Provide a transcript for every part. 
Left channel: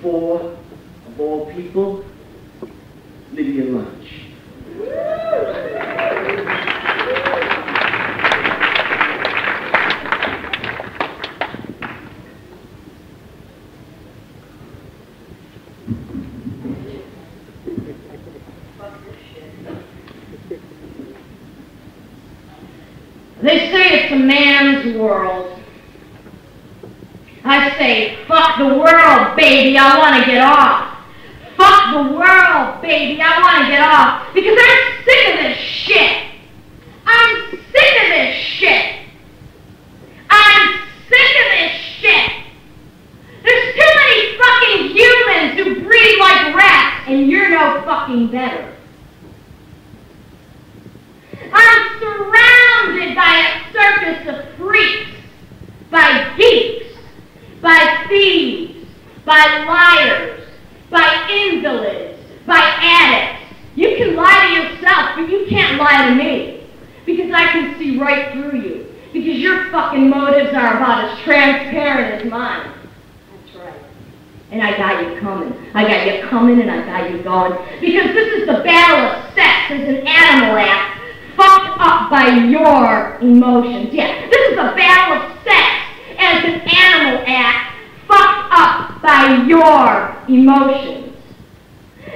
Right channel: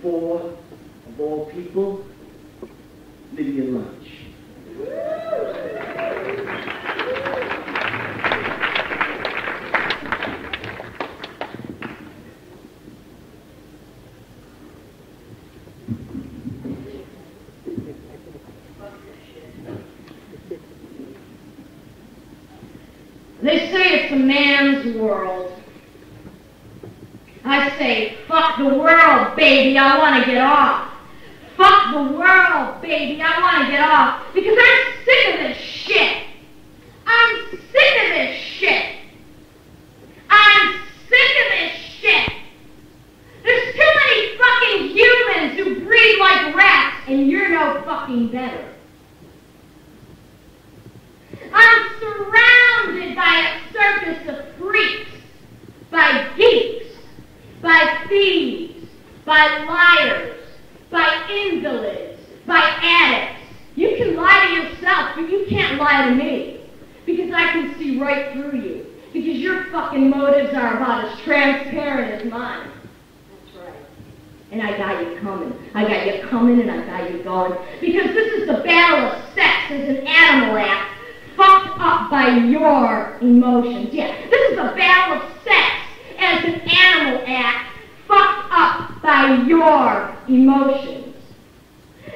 for, of all people, Lydia Lunch. They say it's a man's world. I say, fuck the world, baby, I want to get off. Fuck the world, baby, I want to get off. Because I'm sick of this shit. I'm sick of this shit. I'm sick of this shit. There's too many fucking humans who breed like rats, and you're no fucking better. I'm surrounded by a circus of freaks, by geeks, by thieves, by liars, by invalids, by addicts. You can lie to yourself, but you can't lie to me, because I can see right through you, because your fucking motives are about as transparent as mine. That's right. And I got you coming. I got you coming and I got you going, because this is the battle of sex as an animal act, fucked up by your emotions. Yeah, this is a battle of sex as an animal act, fucked up by your emotions.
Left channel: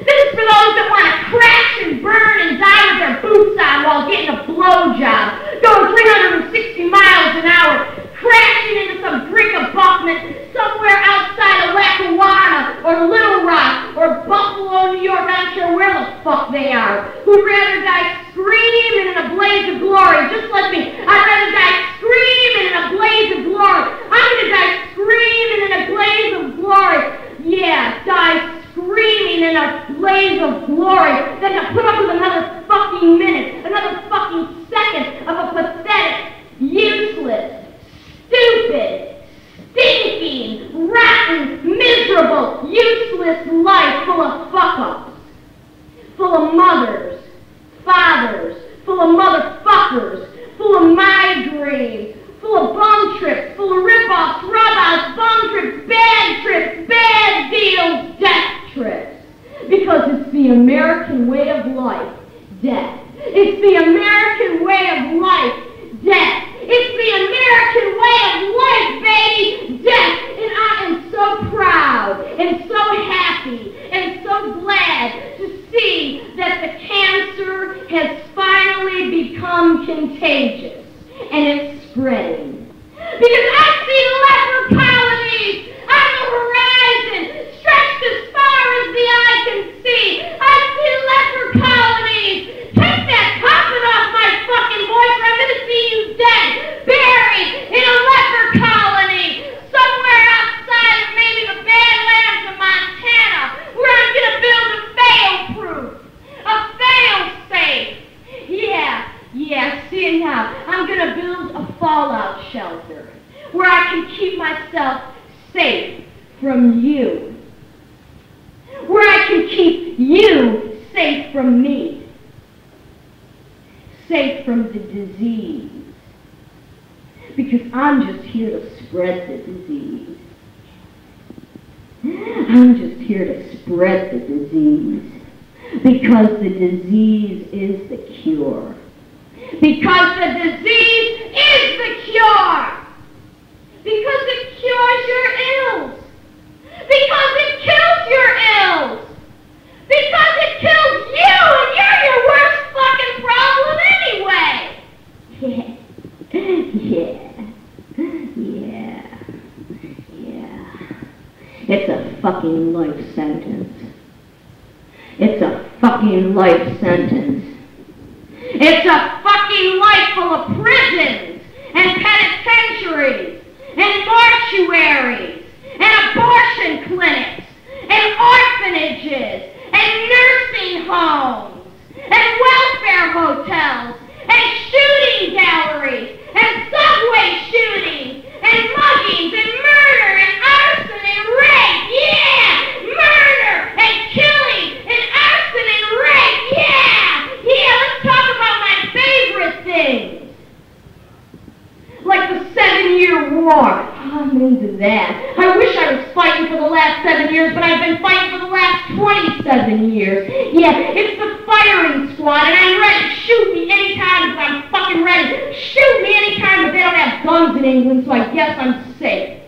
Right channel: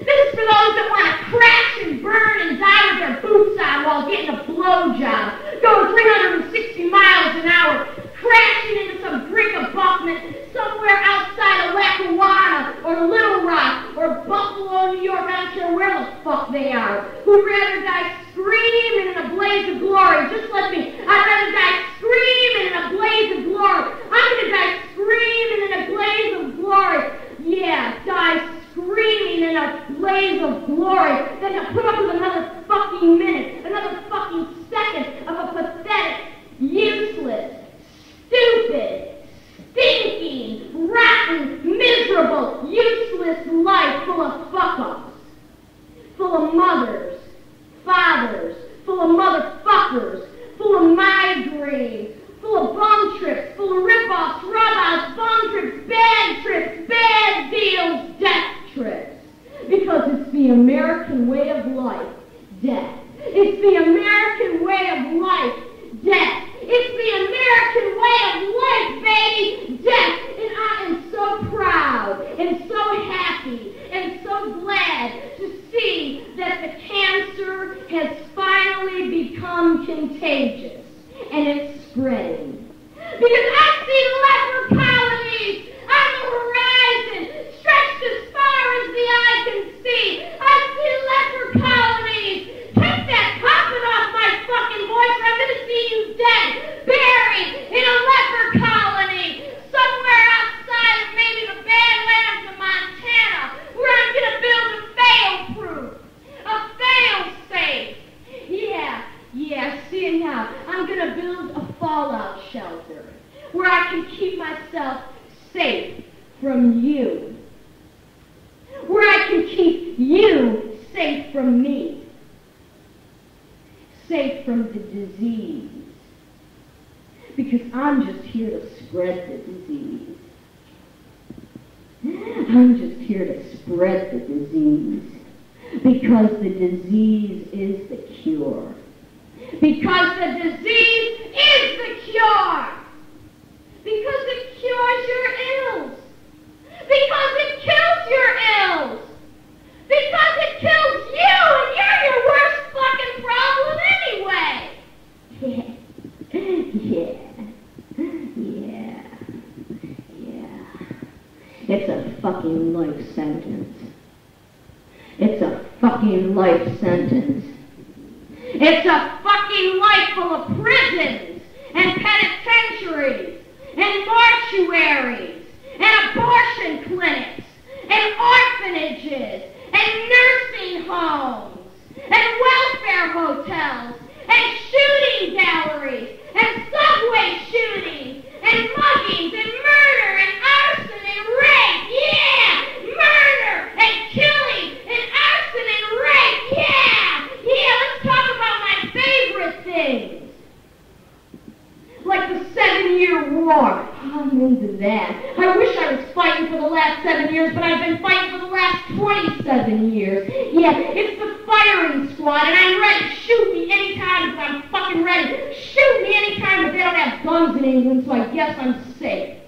This is for those that want to crash and burn and die with their boots on while getting a blowjob, going 360 miles an hour, crashing into some brick abutment somewhere outside of Lackawanna or Little Rock or Buffalo, New York, I don't care where the fuck they are, who'd rather die screaming in a blaze of glory, just like me. I'd rather die screaming in a blaze of glory. I'm going to die screaming in a blaze of glory. Yeah, die screaming in a blaze of glory than to put up with another fucking minute, another fucking second of a pathetic, useless, stupid, stinking, rotten, miserable, useless life full of fuck-ups, full of mothers, fathers, full of motherfuckers, full of migraines, full of bum trips, full of rip-offs, rub-outs, bum trips, bad deals, death trips. Because it's the American way of life, death. It's the American way of life, death. It's the American way of life, baby, death. And I am so proud and so happy and so glad to see that the cancer has finally become contagious and it's spreading. Because I see leper colonies on the horizon, stretched as far as the eye can see. I see leper colonies. Take that coffin off my fucking voice or I'm going to see you dead, buried in a leper colony somewhere outside of maybe the Badlands of Montana, where I'm going to build a fail-proof, a fail-safe. Yeah, see it now. I'm going to build a fallout shelter where I can keep myself safe from you, where I can keep you safe from me, safe from the disease, because I'm just here to spread the disease. I'm just here to spread the disease, because the disease is the cure. Because the disease is the cure. Because it cures your ills. Because it kills your ills. Because it kills you and you're your worst fucking problem anyway. Yeah. It's a fucking life sentence. It's a fucking life sentence. It's a fucking life full of prisons and penitentiaries and mortuaries and abortion clinics and orphanages and nursing homes and welfare hotels and shooting galleries and subway shootings and muggings and murder and arson and rape. Yeah! Murder and killing and arson and rape. Yeah! Let's talk about my favorite things. Like the 7-Year War. I'm into that. I wish I was fighting for the last 7 years, but I've been fighting for the last 27 years. Yeah, it's the firing squad, and I'm ready. Shoot me anytime, but I'm fucking ready. Shoot me anytime, but they don't have guns in England, so I guess I'm safe.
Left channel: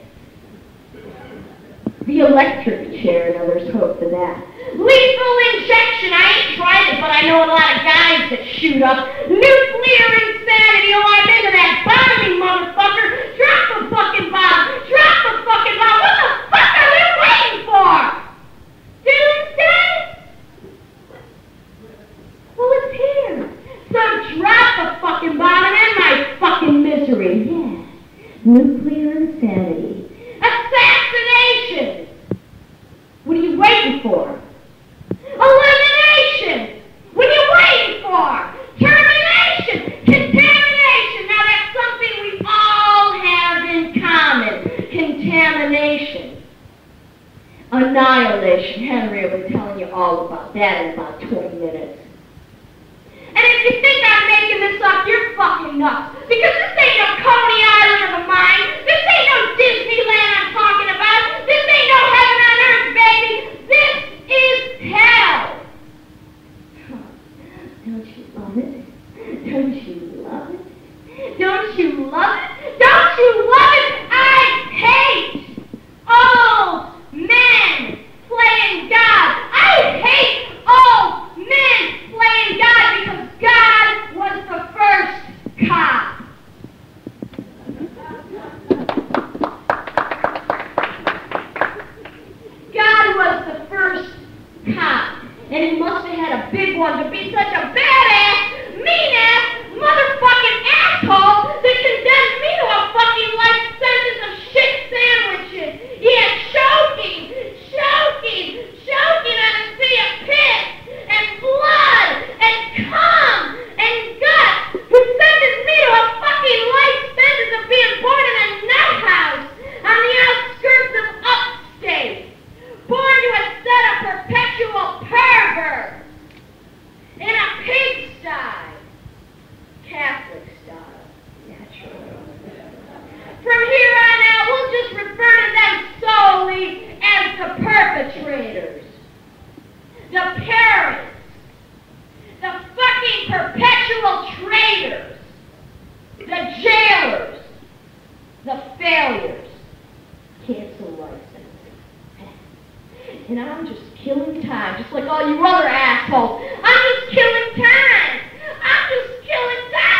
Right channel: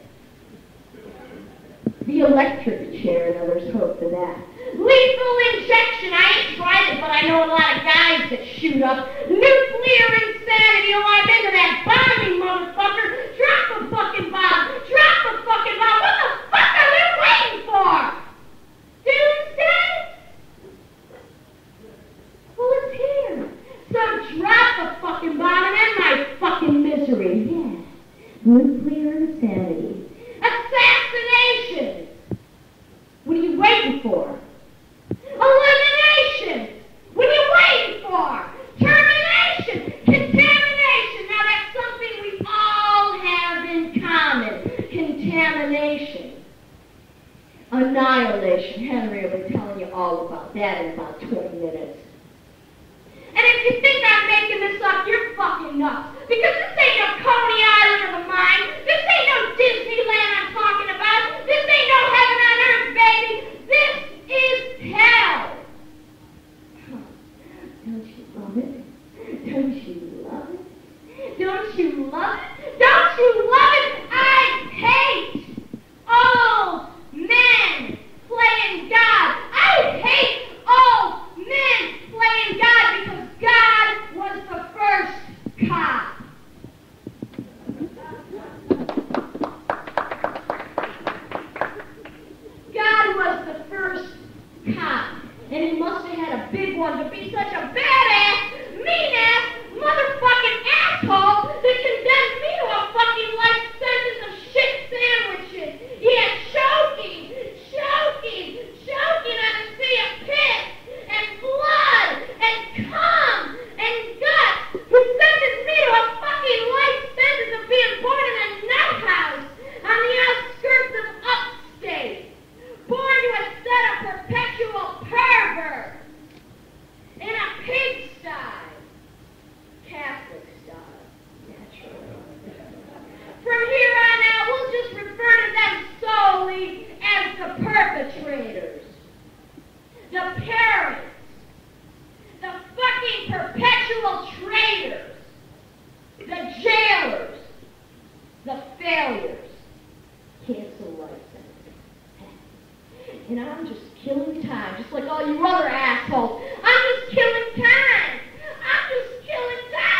The electric chair, and others hope for that. Lethal injection, I ain't tried it, but I know a lot of guys that shoot up. Nuclear insanity, oh, I'm into that bombing, motherfucker. Drop the fucking bomb. Drop the fucking bomb. What the fuck are you waiting for? Doomsday? Well, it's here. So drop the fucking bomb and end my fucking misery. Yeah. Nuclear insanity. Assassination! What are you waiting for? Elimination! What are you waiting for? Termination! Contamination! Now that's something we all have in common. Contamination. Annihilation. Henry will be telling you all about that in about 20 minutes. And if you think I'm making this up, you're fucking nuts. Because this ain't no Coney Island of a mine. This ain't no Disneyland I'm talking about. This ain't no heaven on earth, baby. This is hell. Oh, don't you love it? Don't you love it? Don't you love it? Don't you love it? I hate old men playing God. I hate old men playing God because God was the first cop. God was the first cop, and he must have had a big one to be such a badass, mean-ass, motherfucking asshole that condemned me to a fucking life sentence of shit sandwiches. Yeah, choking on a sea of piss and blood and cum and guts, who sentenced me to a fucking life sentence of being born in a nut house on the outskirts of upstate, born to a set of perpetual perverts in a pigsty, Catholic style, naturally. From here on out, we'll just refer to them solely as the perpetrators, the parents, the fucking perpetual traitors, the jailers, the failures. Cancel license. And I'm just killing time, just like all you other assholes. I'm just killing time.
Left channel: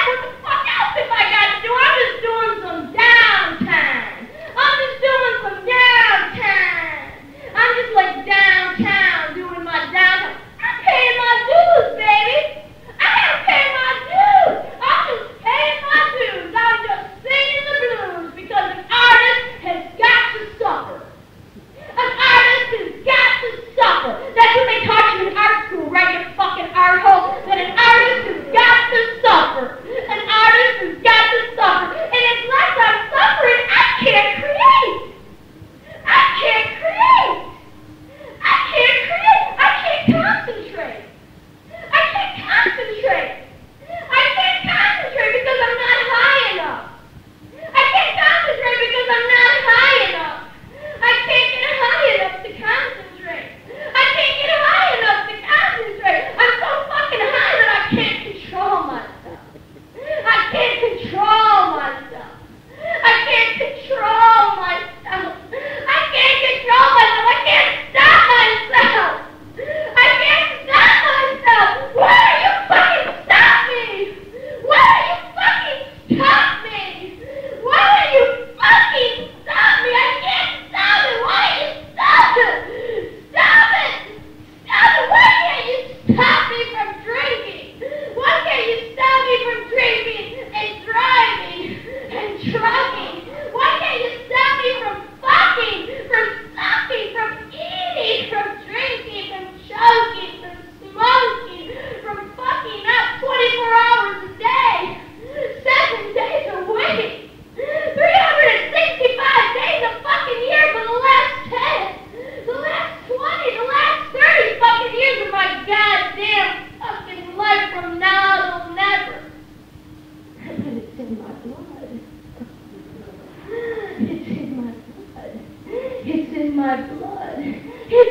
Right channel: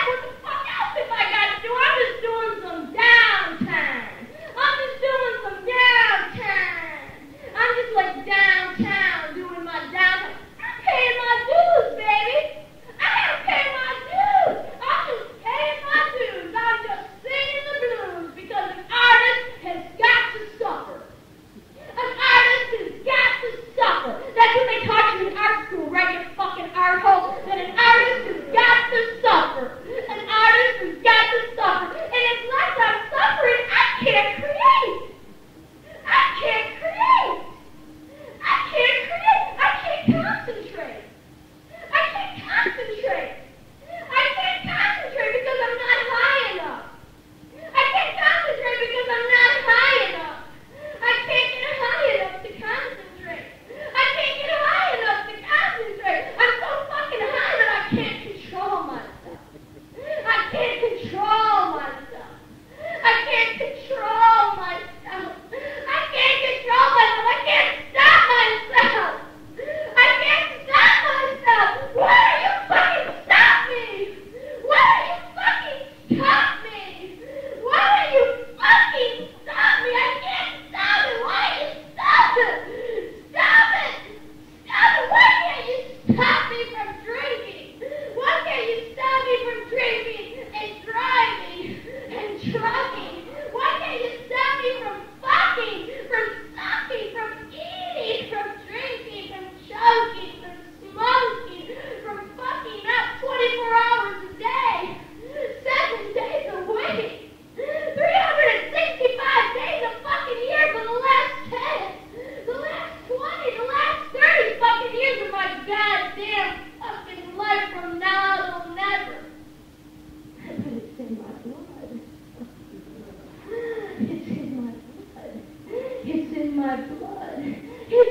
What the fuck else have I got to do? I'm just doing some downtime. I'm just like downtown doing my downtime. I'm paying my dues, baby. I gotta pay my dues. I'm just paying my dues. I'm just singing the blues because an artist has got to suffer. An artist has got to suffer. That's what they taught you in art school, right? You fucking art hole. That an artist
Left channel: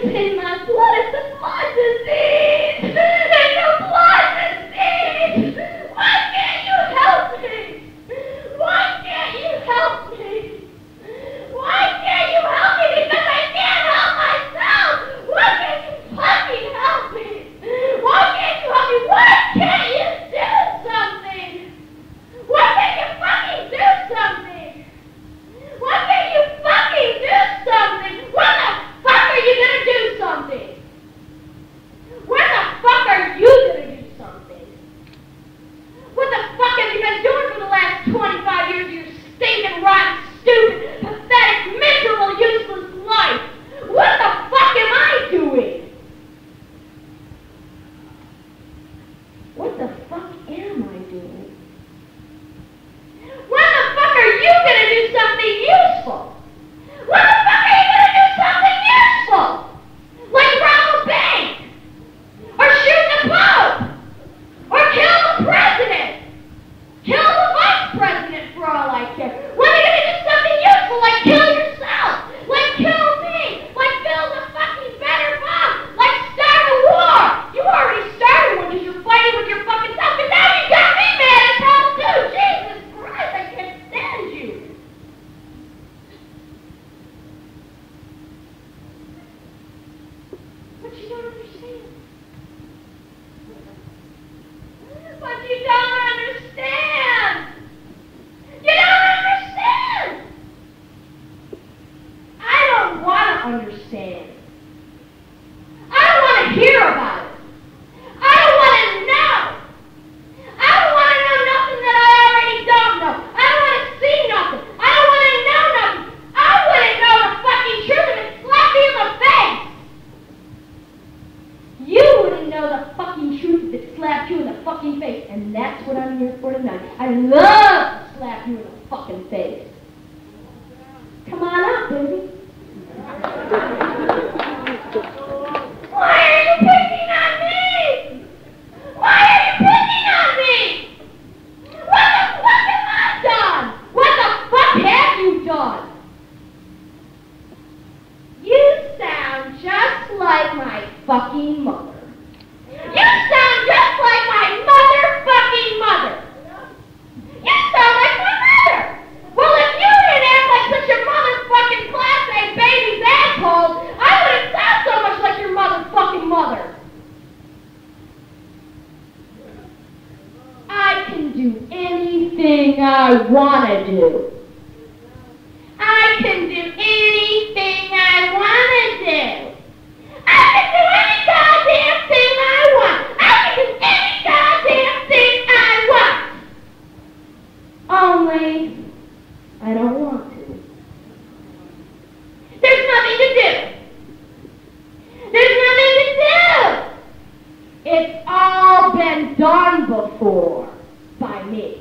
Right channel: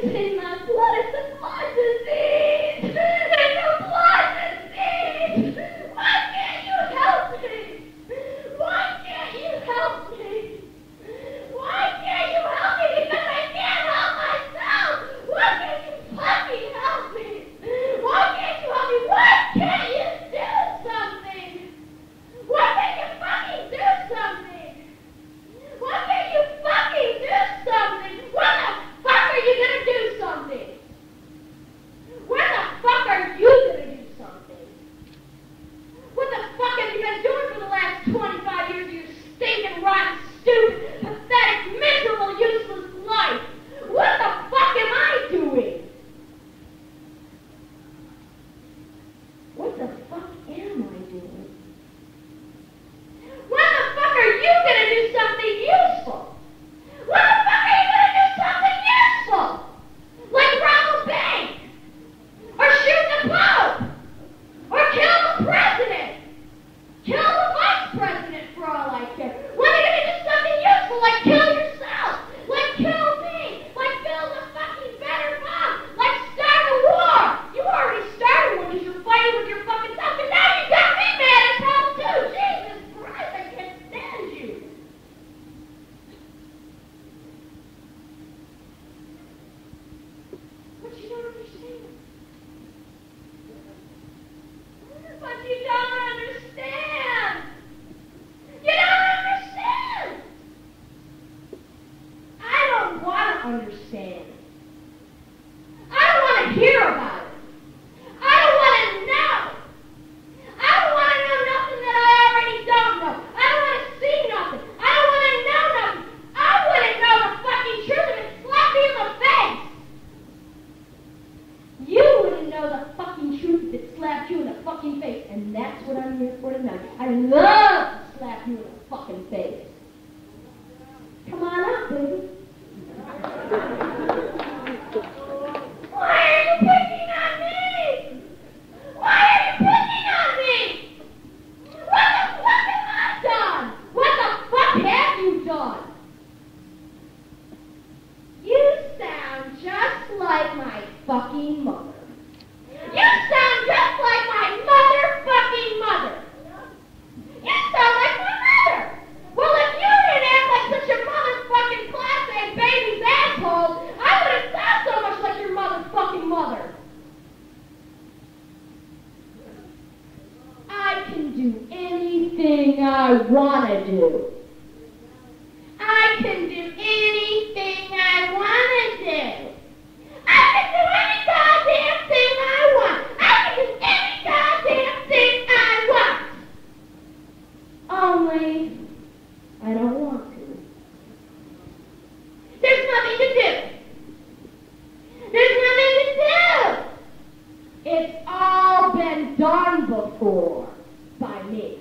It's in my blood. It's a blood disease. It's a blood disease. Why can't you help me? Why can't you help me? Why can't you help me? Because I can't help myself. Why can't you fucking help me? Why can't you help me? Why can't you do something? Why can't you fucking do something? Why can't you fucking do something? When the fuck are you gonna do something? When the fuck are you gonna do something? What the fuck have you been doing for the last 25 years of your stinking, rotten, stupid, pathetic, miserable, useless life? What the fuck am I doing? What the fuck am I doing? When the fuck are you gonna do something useful? When the fuck are you gonna do something useful? Like rob a bank? Or shoot the Pope? Or kill the president? Kill the vice president for all I care. When are you gonna do something useful like kill yourself? Like kill me? Like build a fucking better bomb? Like start a war? You already started one because you're fighting with your fucking self, and now you got me mad at home too! Jesus Christ, I can't stand you! But you don't understand. But you don't understand! You don't understand! I don't want to understand. I don't want to hear about it. I don't want to know. I don't want to know nothing that I already don't know. I don't want to see nothing. I don't want to know nothing. I want to know the fucking truth and it slap me in the face. You wouldn't know the fucking truth if it slapped you in the fucking face. And that's what I'm here for tonight. I love to slap you in the fucking face. Come on up, baby. Why are you picking on me? Why are you picking on me? What the fuck have I done? What the fuck have you done? You sound just like my fucking mother. You sound just like my motherfucking mother. You sound like my mother. Well, if you didn't act like such a motherfucking class A baby's asshole, I wouldn't sound so much like your motherfucking mother. I can do anything I want to do. I can do anything I want to do. I can do any goddamn thing I want. I can do any goddamn thing I want. Only I don't want to. There's nothing to do. There's nothing to do. It's all been done before by me.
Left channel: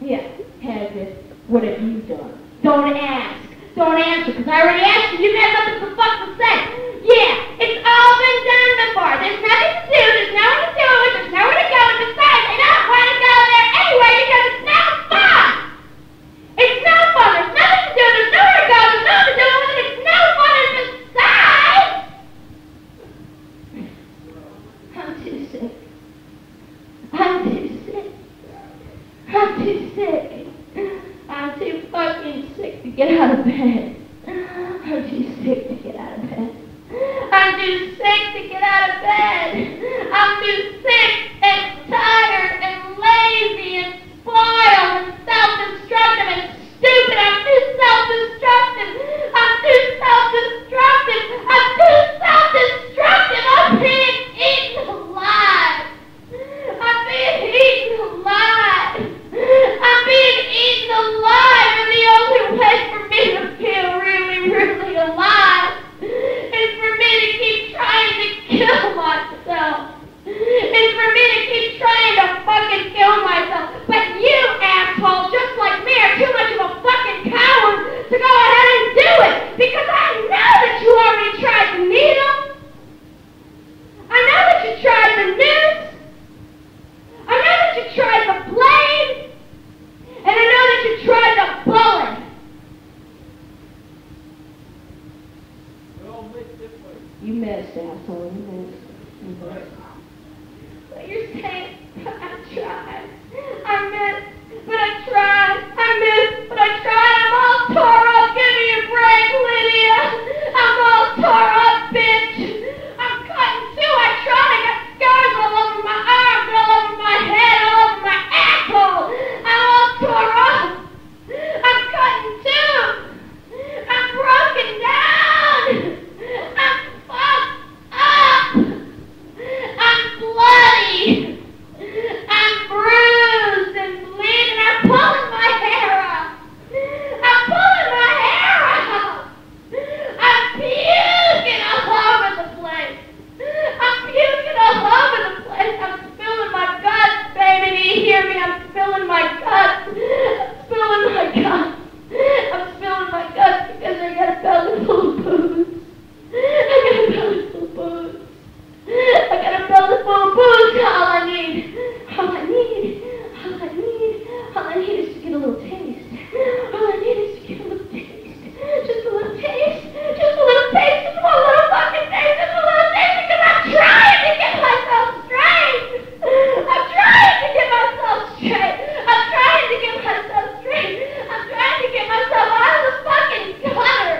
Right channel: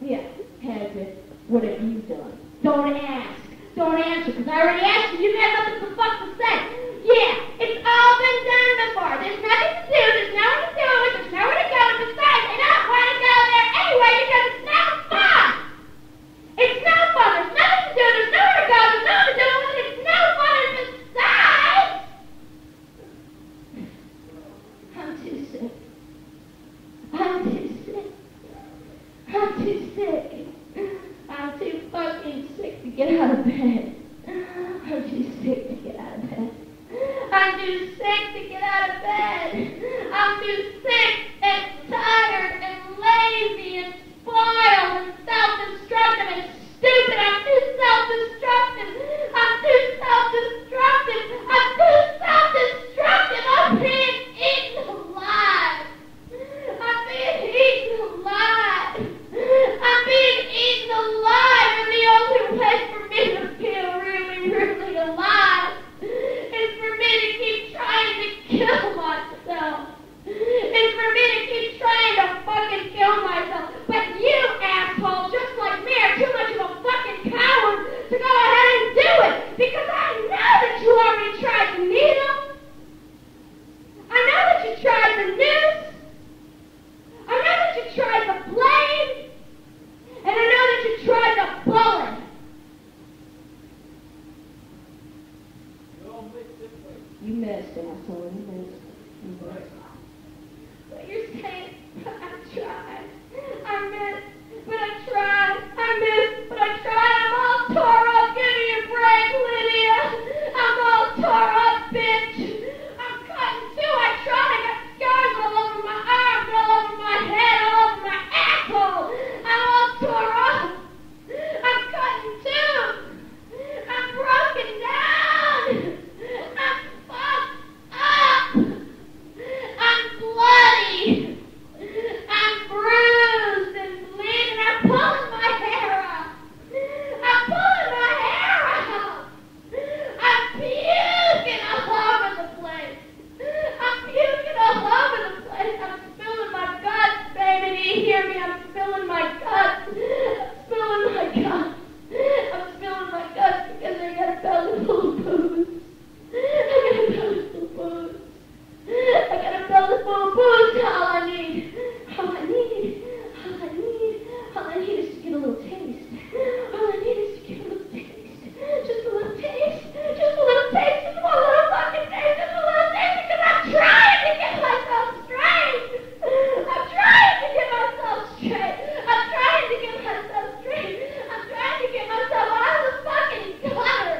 Yeah, has it? What have you done? Don't ask. Don't answer, because I already asked you. You didn't have nothing for fuck to say. Yeah, it's all been done before. There's nothing to do. There's nowhere to do it. There's nowhere to go. And besides, I don't want to go there anyway because it's no fun. It's no fun. There's nothing to do. There's nowhere to go. There's nothing to do. And it's no fun. And besides, I'm too sick. I'm too sick. I'm too sick. I'm too fucking sick to get out of bed. I'm too sick to get out of bed. I'm too sick to get out of bed. I'm too sick and tired and lazy and spoiled and self-destructive and stupid. I'm too self-destructive. I'm too self-destructive. I'm too self-destructive. I'm being eaten alive. I'm being eaten alive. I'm being eaten alive, and the only way for me to feel really, really alive is for me to keep trying to kill myself. It's for me You missed, asshole. You missed. But you're saying, but I tried. I missed, but I tried. I missed, but I tried. I'm all tore up. Give me a break, Lydia. I'm all tore up, bitch. I'm cutting too. I tried. I got scars all over my arms, all over my head, all over my asshole. I'm all tore up. I'm cutting too. I'm broken down. I'm fucked up. I'm bloody. I'm bruised and bleeding. I'm pulling my hair out. I'm pulling my hair out. I'm puking all over the place. I'm puking all over the place. I'm spilling my guts, baby. Do you hear me? I'm spilling my guts. I'm spilling my guts. I'm spilling my guts because I got a belly full of booze. I got a belly full of booze. I got a belly full of booze. All I need is to get a little taste. All I need is to get a little taste. Just a little taste. Just a little taste. Just one little fucking taste. Just a little taste because I'm trying to get myself straight. I'm trying to get myself straight. I'm trying to get myself straight. I'm trying to get myself out of the fucking gutter.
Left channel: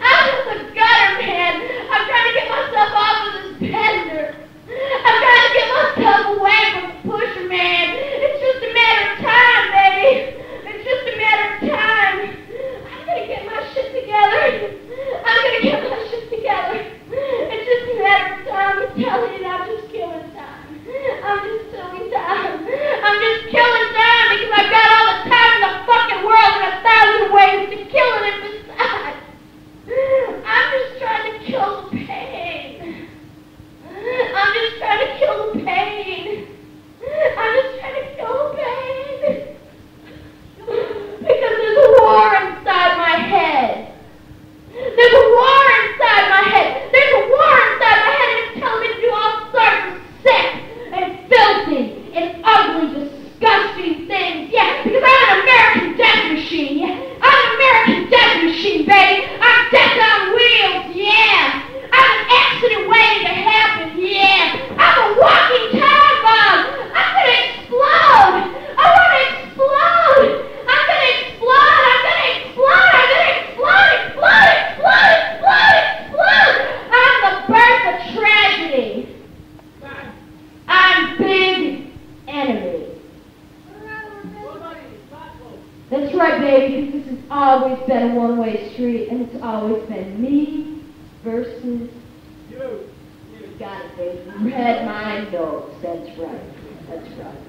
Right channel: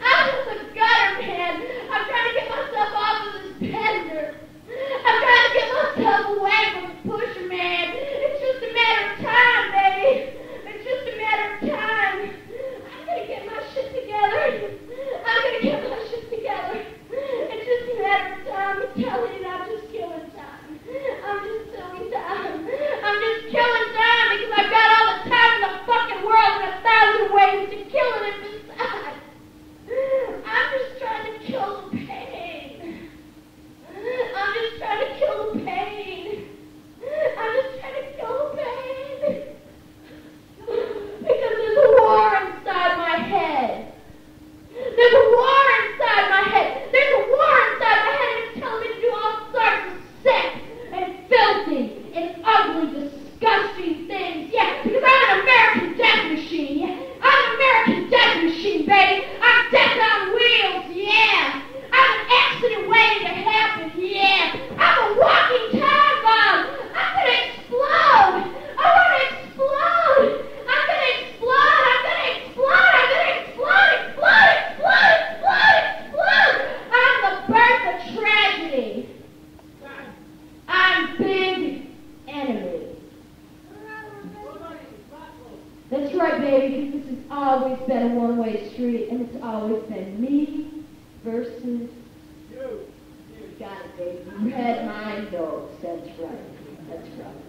Out of the gutter, man. I'm trying to get myself off of this bender. I'm trying to get myself away from the pusher, man. It's just a matter of time, baby. It's just a matter of time. I'm gonna get my shit together. I'm gonna get my shit together. It's just a matter of time. I'm telling you, I'm just killing time. I'm just killing time. I'm just killing time because I've got all the time in the fucking world and 1,000 ways to kill it besides. I'm just trying to kill the pain. I'm just trying to kill the pain. I'm just trying to kill the pain. Because there's a war inside my head. There's a war inside my head. There's a war inside my head and it's telling me to do all sorts of sick and filthy and ugly, disgusting things. Yeah, because I'm an American death machine. Yeah, I'm an American death machine, baby. I'm death on wheels. Yeah. I'm an accident waiting to happen, yeah. I'm a walking time bomb. I'm gonna explode. I wanna explode. I'm gonna explode. I'm gonna explode. I'm gonna explode. Explode. Explode. Explode. Explode. I'm the birth of tragedy. I'm big enemy. That's right, baby, because this has always been a one-way street, and it's always been me versus you. Got it, baby. Read my notes. That's right. That's right.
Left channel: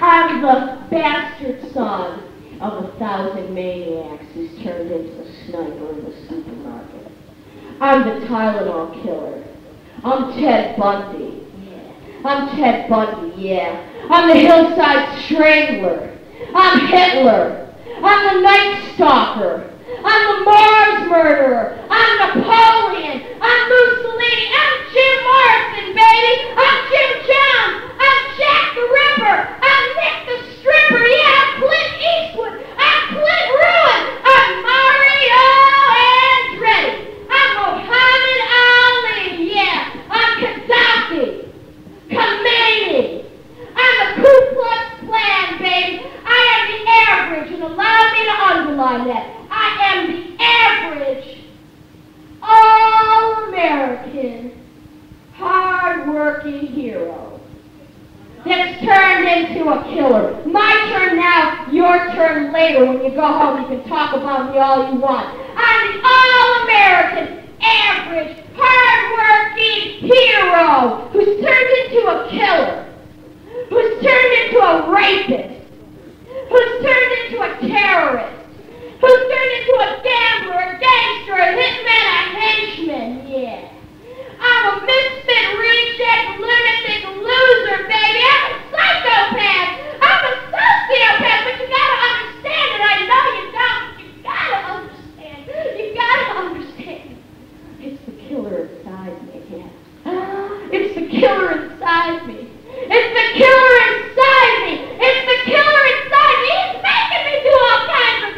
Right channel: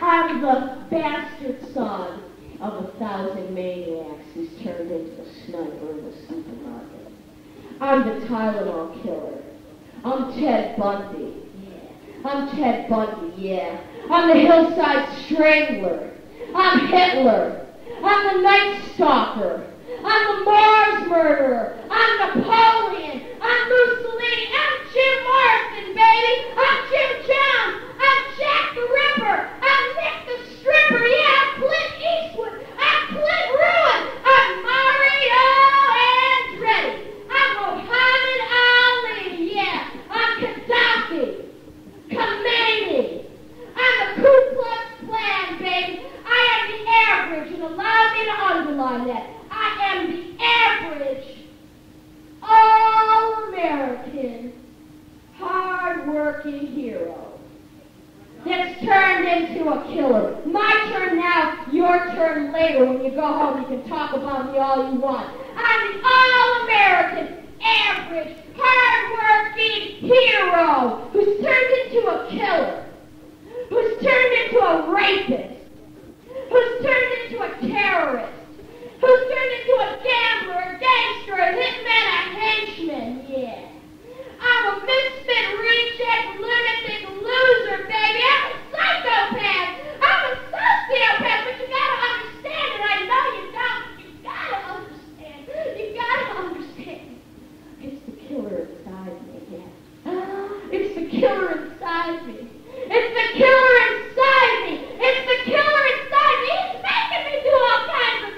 I'm the bastard son of 1,000 maniacs who's turned into a sniper in the supermarket. I'm the Tylenol killer. I'm Ted Bundy. I'm Ted Bundy, yeah. I'm the hillside strangler. I'm Hitler. I'm the Night Stalker. I'm the Mars murderer. I'm Napoleon. I'm Mussolini. I'm Jim Morrison, baby. I'm Jim Jones. I'm Jack the Ripper. I'm Nick the Stripper. Yeah, I'm Clint Eastwood. I'm Clint Ruin. I'm Mario Andretti. I'm Muhammad Ali. Yeah, I'm Gaddafi. Khomeini. I'm the Ku Klux Klan, baby. I am the average, and allow me to underline that. I am the average, all-American, hard-working hero that's turned into a killer. My turn now, your turn later. When you go home, you can talk about me all you want. I'm the all-American, average, hard-working hero who's turned into a killer, who's turned into a rapist, who's turned into a terrorist, who's turned into a gambler, a gangster, a hitman, a henchman, yeah. I'm a misfit, reject, lunatic, loser, baby. I'm a psychopath. I'm a sociopath, but you gotta understand it. I know you don't, but you gotta understand. You gotta understand. It's the killer inside me, yeah. It's the killer inside me. It's the killer inside me. It's the killer inside me. He's making me do all kinds of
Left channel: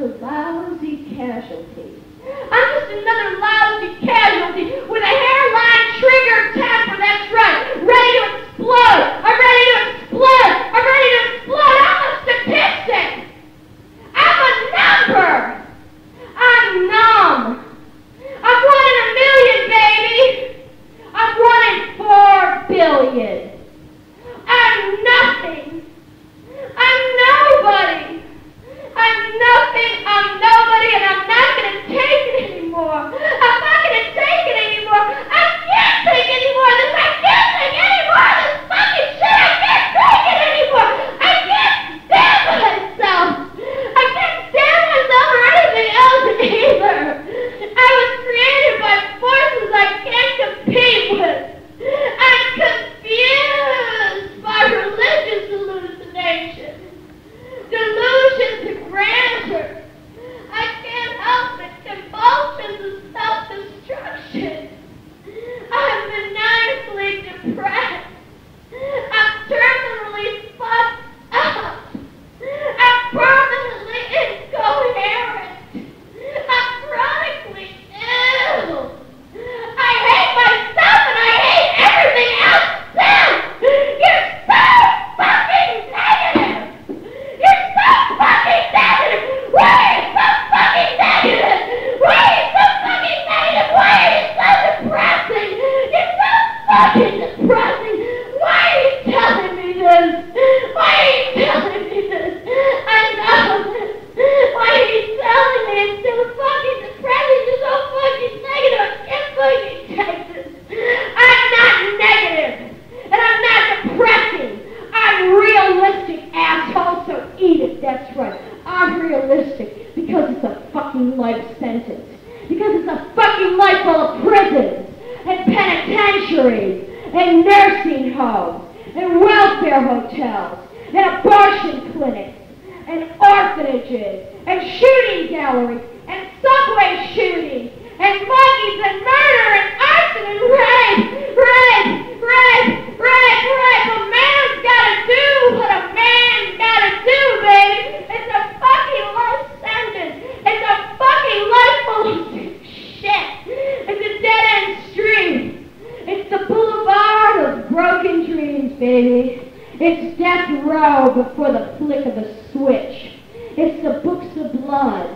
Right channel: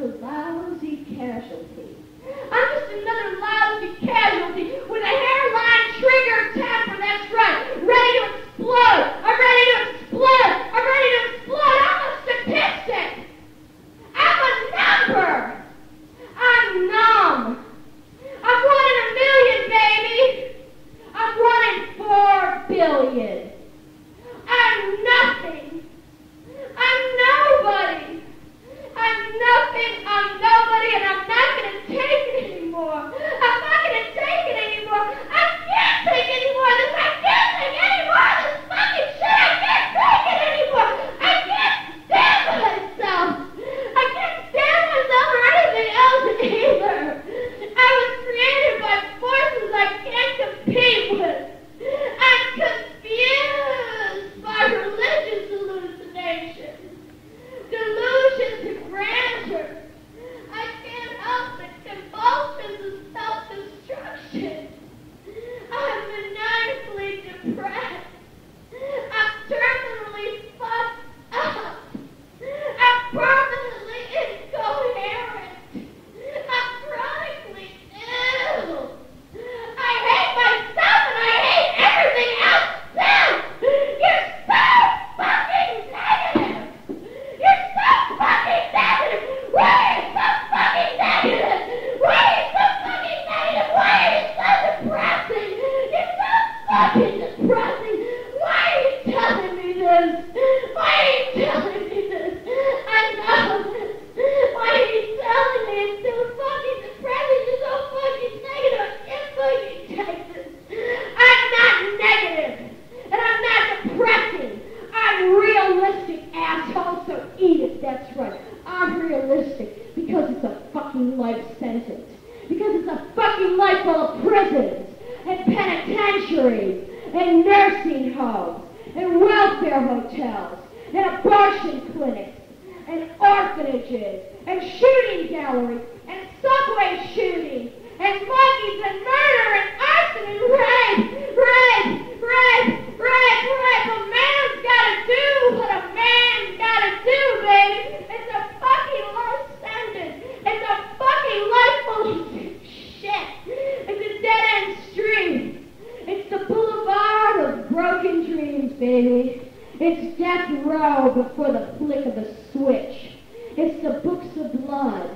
a lousy casualty. I'm just another lousy casualty with a hairline trigger temper, that's right, ready to explode. I'm ready to explode. I'm ready to explode. I'm a statistic. I'm a number. I'm numb. I'm 1 in a million, baby. I'm 1 in 4 billion. I'm nothing. I'm nobody. I'm nothing, I'm nobody, and I'm not going to take it anymore. I'm not going to take it anymore. I can't take any more of this. I can't take any more of this fucking shit. I can't take it anymore. I can't stand myself. I can't stand myself or anything else either. I was created by forces I can't compete with. I'm confused by religious hallucinations. Delusions of grandeur. I can't help it. Convulsions of self-destruction. I'm maniacally depressed. I'm terminally fucked up. I'm permanently incoherent. I'm chronically ill. I hate myself and I hate everything else too. You're so fucking negative. You're so fucking negative! Why are you so fucking negative? Why are you so fucking negative? Why are you so depressing? You're so fucking depressing! Why are you telling me this? Why are you telling me this? I know this. Why are you telling me it's so fucking depressing? You're so fucking negative. I can't fucking take this. I'm not negative. And I'm not depressing. I'm realistic, asshole, so eat it, that's right. I'm realistic because it's a fucking life sentence. Because it's a fucking life full of prisons and penitentiaries and nursing homes and welfare hotels and abortion clinics and orphanages and shooting galleries and subway shootings and monkeys and murder and arson and rape. But man's gotta do what a man gotta do, baby. It's a fucking life sentence. It's a fucking life full of shit. It's a dead-end street. It's the boulevard of broken dreams, baby. It's death row before the flick of a switch. It's the books of blood.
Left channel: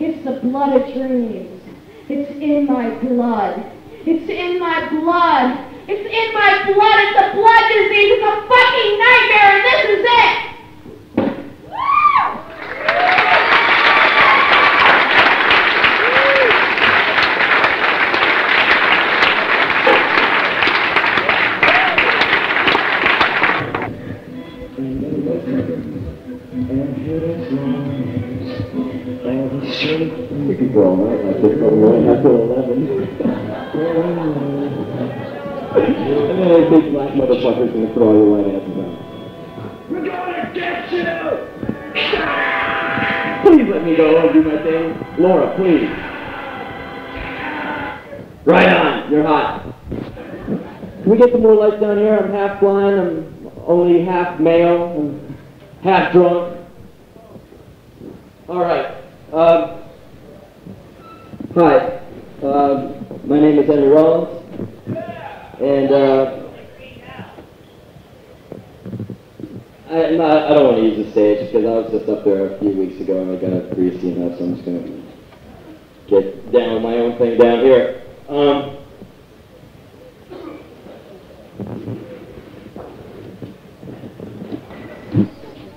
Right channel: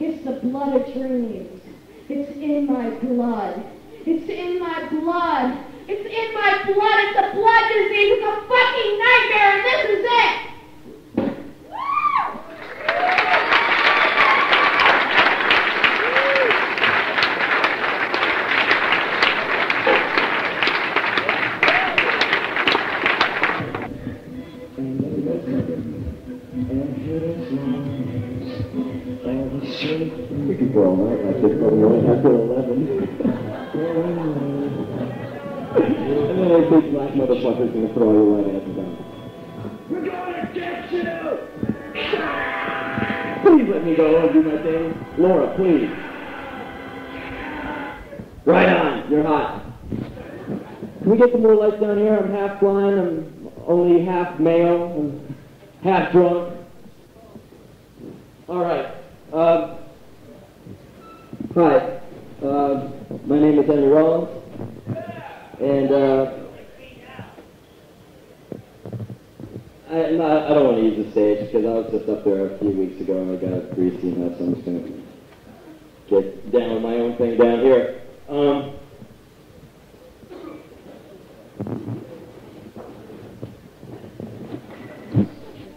It's the blood of dreams. It's in my blood. It's in my blood. It's in my blood. It's a blood disease. It's a fucking nightmare, and this is it. We could go all night like this, all night after 11. And then those big black motherfuckers gonna throw all your white asses out. We're gonna get you! Please let me go and do my thing. Laura, please. Right on, you're hot. Can we get some more lights down here? I'm half blind, I'm only half male, I'm half drunk. Alright. Hi. My name is Henry Rollins. And I don't want to use the stage because I was just up there a few weeks ago and I got greasy enough, so I'm just going to get down with my own thing down here.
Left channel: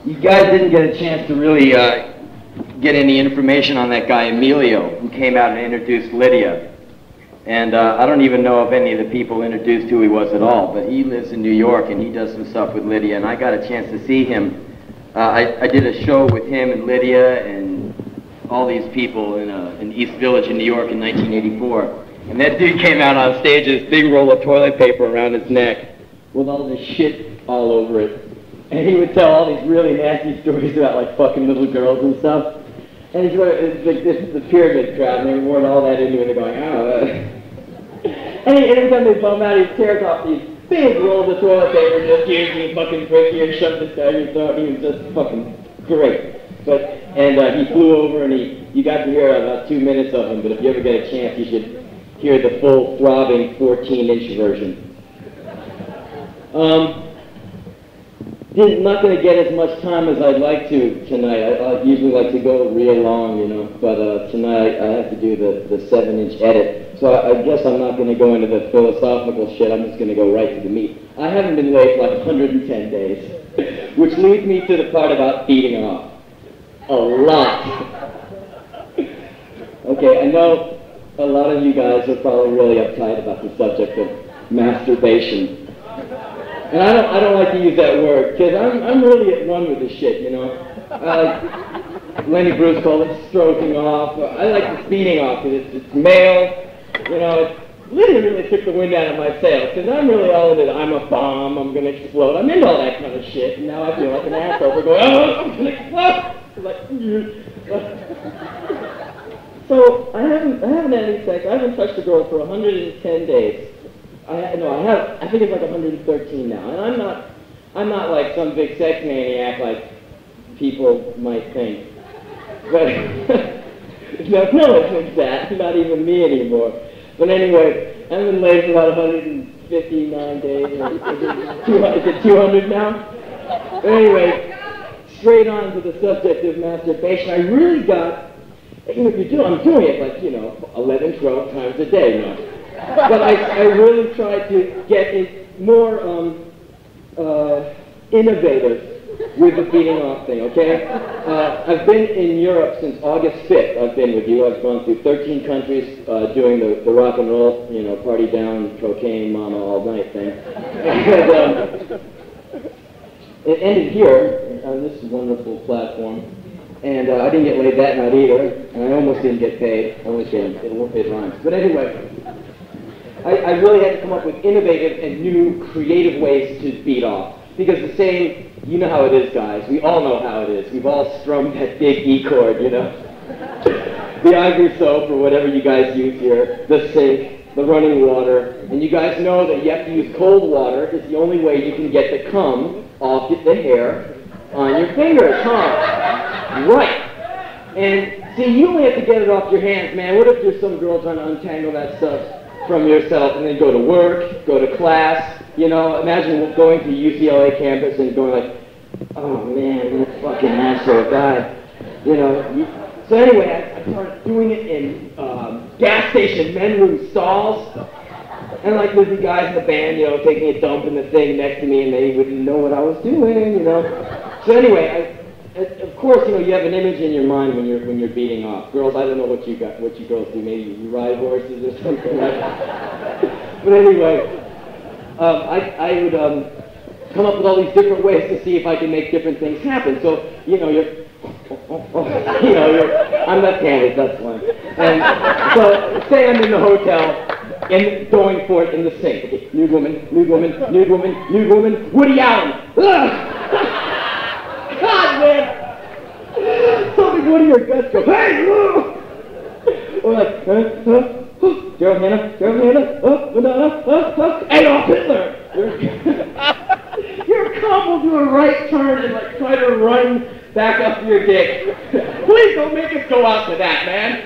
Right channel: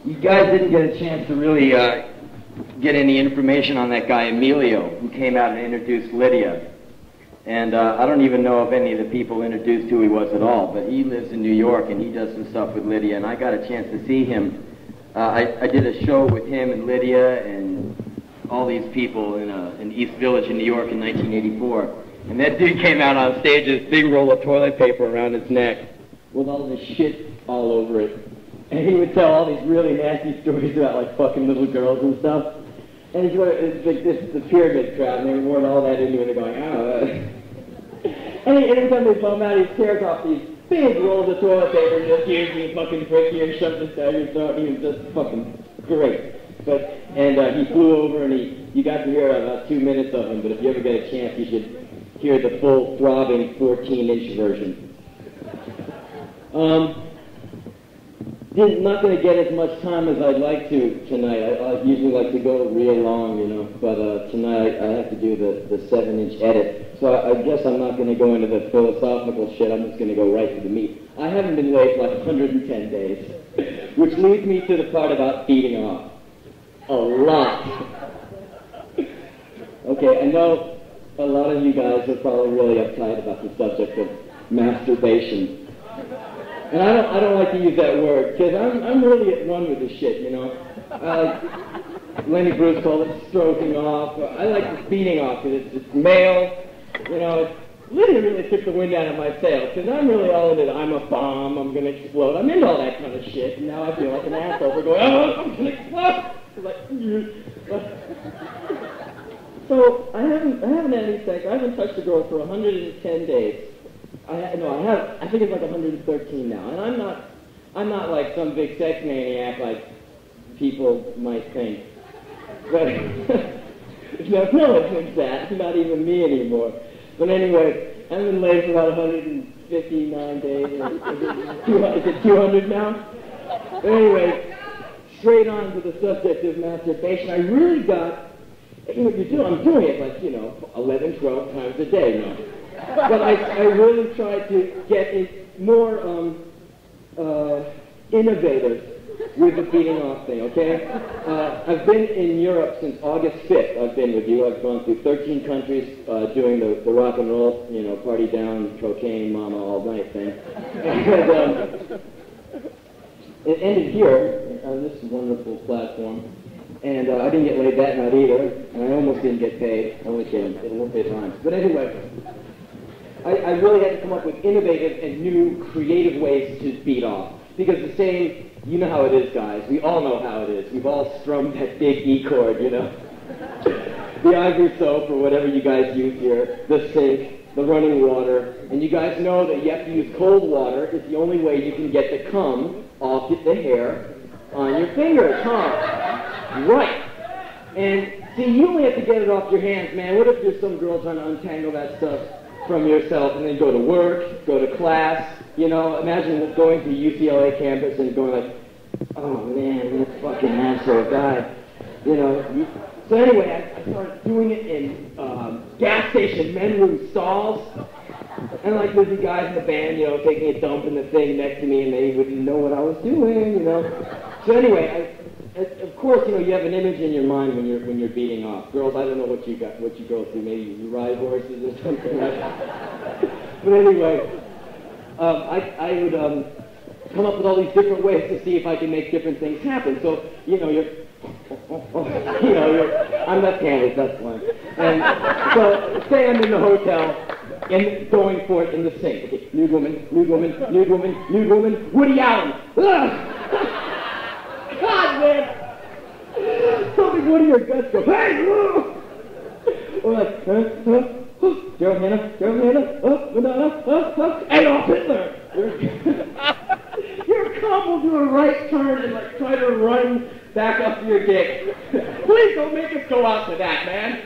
You guys didn't get a chance to really get any information on that guy Emilio who came out and introduced Lydia. And I don't even know if any of the people introduced who he was at all, but he lives in New York and he does some stuff with Lydia, and I got a chance to see him. I did a show with him and Lydia and all these people in East Village in New York in 1984. And that dude came out on stage with this big roll of toilet paper around his neck with all this shit all over it. And he would tell all these really nasty stories about like fucking little girls and stuff. And it's like the pyramid crowd, and they were wearing all that into it, and they're going, oh. And every time they bum out, he tears off these big rolls of toilet paper and just here's me fucking prick here and shoves this down your throat, and he was just fucking great. But And he flew over, and you got to hear about 2 minutes of him, but if you ever get a chance, you should hear the full, throbbing 14-inch version. Not going to get as much time as I'd like to tonight. I usually like to go real long, you know, but tonight I have to do the 7-inch edit. So I guess I'm not going to go into the philosophical shit. I'm just going to go right to the meat. I haven't been late for like 110 days, which leads me to the part about beating off. A lot. Okay, I know a lot of you guys are probably really uptight about the subject of masturbation. And I don't like to use that word, because I'm really at one with this shit, you know. Lenny Bruce called it stroking off. I like this beating off, because it's male. You know, Lydia really took the wind out of my sails, because I'm really all into it. I'm a bomb, I'm going to explode. I'm into all that kind of shit, and now I feel like an asshole for going, oh, I'm going to explode. So I haven't had any sex. I haven't touched a girl for 110 days. I have. I think it's like 113 now, and I'm not like some big sex maniac like people might think. But no one thinks that. Not even me anymore. But anyway, I've been laid for about 159 days. Is it 200 now? But anyway, straight on to the subject of masturbation. I really got. I'm doing it like 11, 12 times a day now. But I really tried to get it more innovative with the beating off thing, okay? I've been in Europe since August 5th. I've been with you. I've gone through 13 countries doing the rock and roll, party down, cocaine, mama, all night thing. And it ended here on this wonderful platform. And I didn't get laid that night either. And I almost didn't get paid. I almost didn't. It rhymes. But anyway. I really had to come up with innovative and new creative ways to beat off. Because the saying, you know how it is, guys. We all know how it is. We've all strummed that big E chord, you know. The ivory soap or whatever you guys use here, the sink, the running water. And you guys know that you have to use cold water. It's the only way you can get the cum off the hair on your fingers, huh? Right. And see, you only have to get it off your hands, man. What if there's some girl trying to untangle that stuff from yourself and then go to work, go to class, imagine going to UCLA campus and going like, oh man, that fucking asshole guy, So anyway, I started doing it in gas station men's room stalls, and like there'd be guys in the band, taking a dump in the thing next to me, and they wouldn't know what I was doing, So anyway, of course, you have an image in your mind when you're beating off. Girls, I don't know what you girls do. Maybe you ride horses or something like that. But anyway, I would come up with all these different ways to see if I can make different things happen. So, I'm left-handed, that's one. And so, say I'm in the hotel and going for it in the sink. Okay, nude woman, nude woman, nude woman, nude woman, Woody Allen. Ugh! God, man! Something one of your guts go, hey! Or like, Gerald Hannah, Madonna, Adolf Hitler! Your cum will do a right turn and like try to run back up your dick. Please don't make us go out to that, man.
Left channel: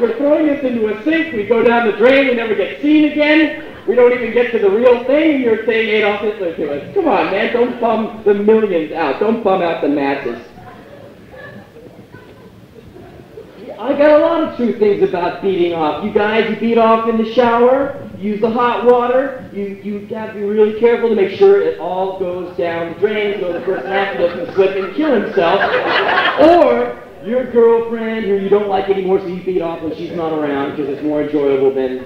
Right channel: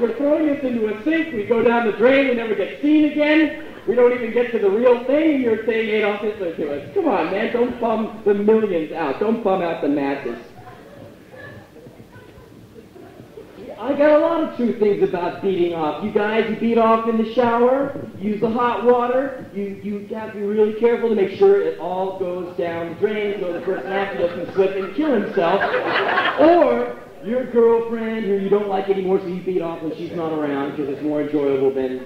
We're throwing this into a sink, we go down the drain, we never get seen again. We don't even get to the real thing, and you're saying Adolf Hitler to us. Come on, man, don't bum the millions out. Don't bum out the masses. I got a lot of true things about beating off. You guys, you beat off in the shower, use the hot water, you have to be really careful to make sure it all goes down the drain so the person after doesn't slip and kill himself. Or your girlfriend who you don't like anymore, so you beat off when she's not around because it's more enjoyable than,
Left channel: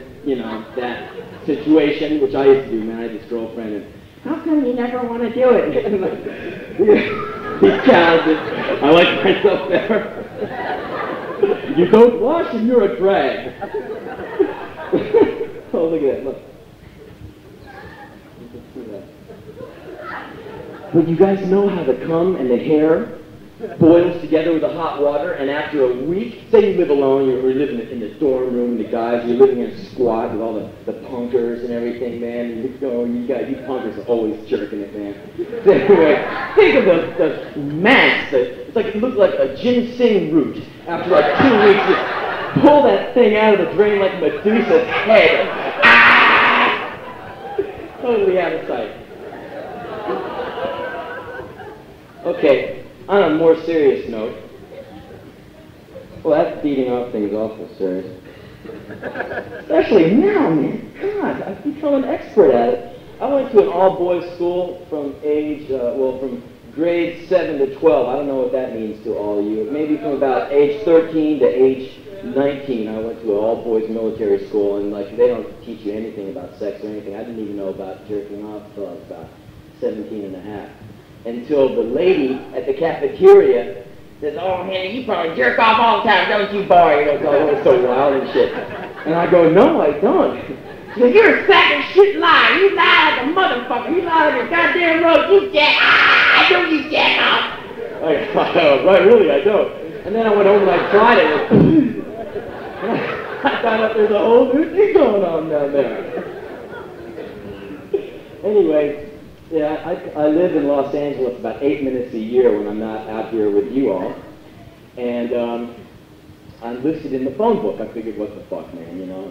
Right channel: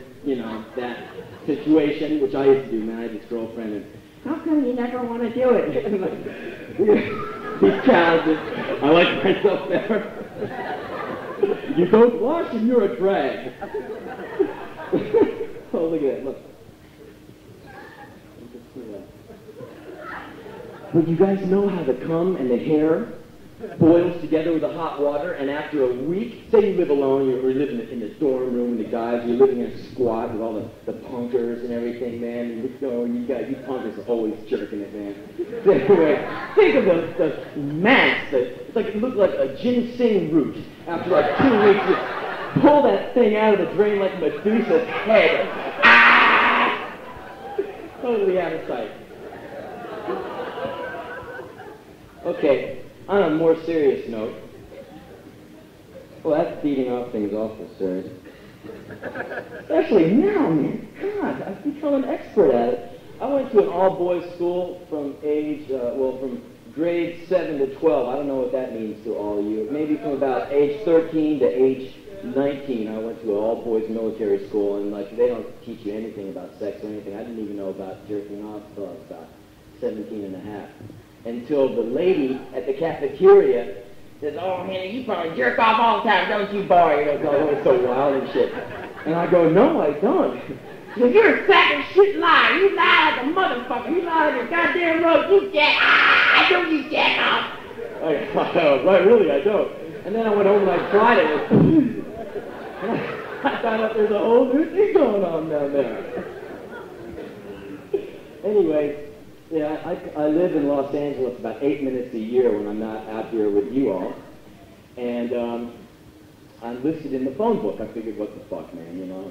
that situation, which I used to do, man. I had this girlfriend, and how come you never want to do it? He's talented. I like myself better. You don't wash and you're a drag. Oh, look at that, look. But you guys know how the cum and the hair boils together with the hot water, and after a week, say you live alone, you're living in the dorm room with the guys, you're living in a squat with all the punkers and everything, man, and you punkers are always jerking it, man. So anyway, think of the mass, it's like, it looked like a ginseng root. After like 2 weeks, you pull that thing out of the drain like Medusa's head. Ah! Totally out of sight. Okay, on a more serious note, well, that's beating off things awful serious. Especially now, man. God, I've become an expert at it. I went to an all-boys school from from grade 7 to 12. I don't know what that means to all of you. Maybe from about age 13 to age 19, I went to an all-boys military school, and like they don't teach you anything about sex or anything. I didn't even know about jerking off until I was about 17 and a half. Until the lady at the cafeteria says, "Oh, Henry, you probably jerk off all the time, don't you, boy?" You know, it was so wild and shit. And I go, "No, I don't." She says, "You're a sack of shit liar. You lie like a motherfucker. You lie like a goddamn road. You jack. Don't you jack off?" Right, really, I don't. And then I went home and I tried it. And I found out there's a whole new thing going on down there. Anyway. Yeah, I live in Los Angeles about 8 minutes a year when I'm not out here with you all. And I'm listed in the phone book. I figured, what the fuck, man, you know?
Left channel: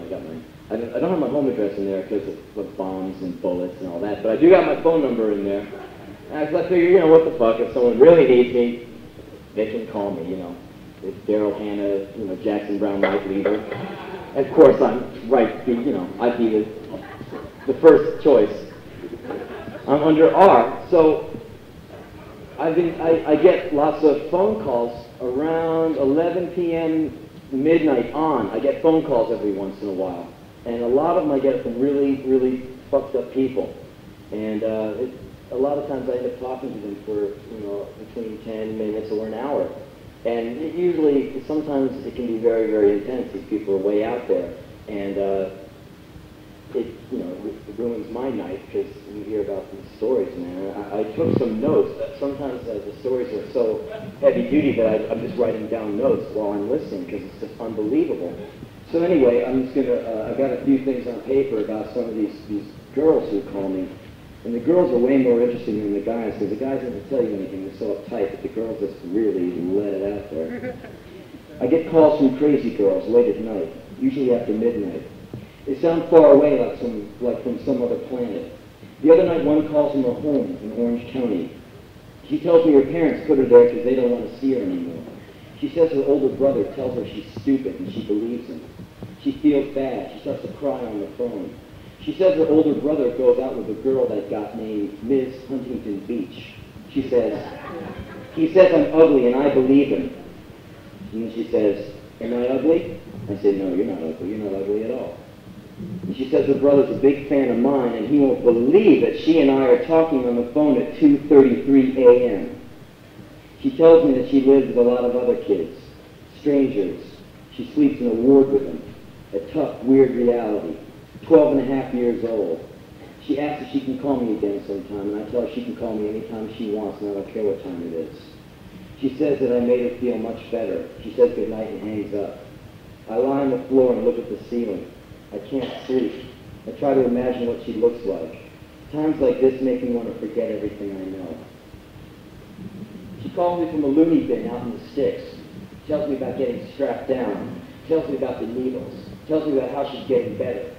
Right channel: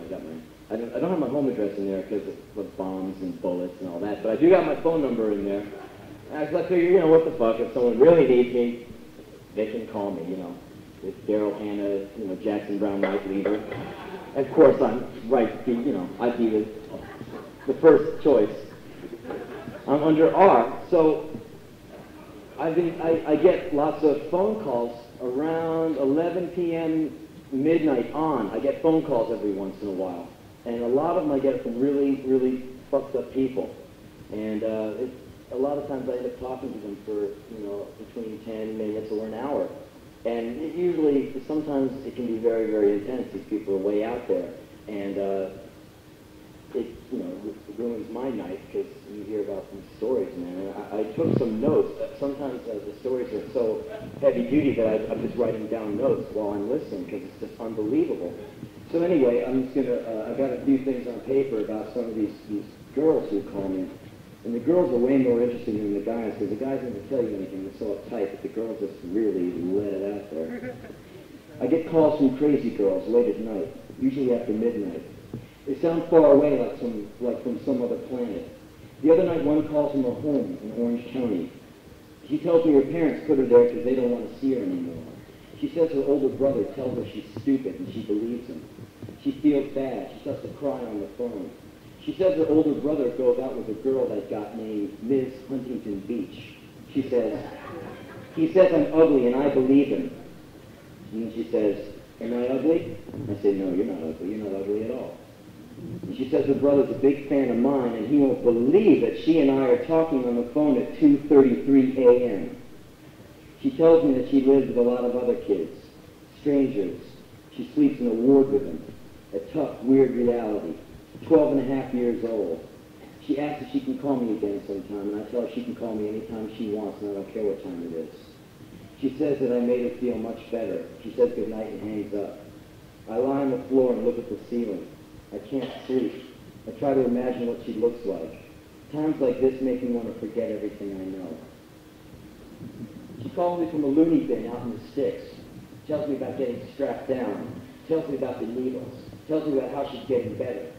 I don't have my home address in there because of bombs and bullets and all that, but I do got my phone number in there. And I figured, you know, what the fuck, if someone really needs me, they can call me, you know. It's Daryl Hannah, you know, Jackson Brown Light Leader. And of course, I'd be the first choice. I'm under R, so I get lots of phone calls around 11 p.m. midnight on. I get phone calls every once in a while, and a lot of them I get from really, really fucked up people, and a lot of times I end up talking to them for, you know, between 10 minutes or an hour, and usually, sometimes it can be very, very intense. These people are way out there, and it ruins my night because you hear about these stories, man. I took some notes. Sometimes the stories are so heavy duty that I'm just writing down notes while I'm listening because it's just unbelievable. So anyway, I'm just I got a few things on paper about some of these girls who call me. And the girls are way more interesting than the guys, because the guys never tell you anything. They're so uptight, but the girls just really let it out there. I get calls from crazy girls late at night, usually after midnight. They sound far away, like from some other planet. The other night, one calls from her home in Orange County. She tells me her parents put her there because they don't want to see her anymore. She says her older brother tells her she's stupid, and she believes him. She feels bad. She starts to cry on the phone. She says her older brother goes out with a girl that got named Ms. Huntington Beach. She says, he says I'm ugly, and I believe him. And then she says, am I ugly? I say, no, you're not ugly. You're not ugly at all. And she says her brother's a big fan of mine, and he won't believe that she and I are talking on the phone at 2:33 a.m. She tells me that she lives with a lot of other kids, strangers. She sleeps in a ward with them. A tough, weird reality. 12 and a half years old. She asks if she can call me again sometime, and I tell her she can call me anytime she wants, and I don't care what time it is. She says that I made her feel much better. She says goodnight and hangs up. I lie on the floor and look at the ceiling. I can't sleep. I try to imagine what she looks like. Times like this make me want to forget everything I know. She calls me from a loony bin out in the sticks. Tells me about getting strapped down. Tells me about the needles. Tells me about how she's getting better.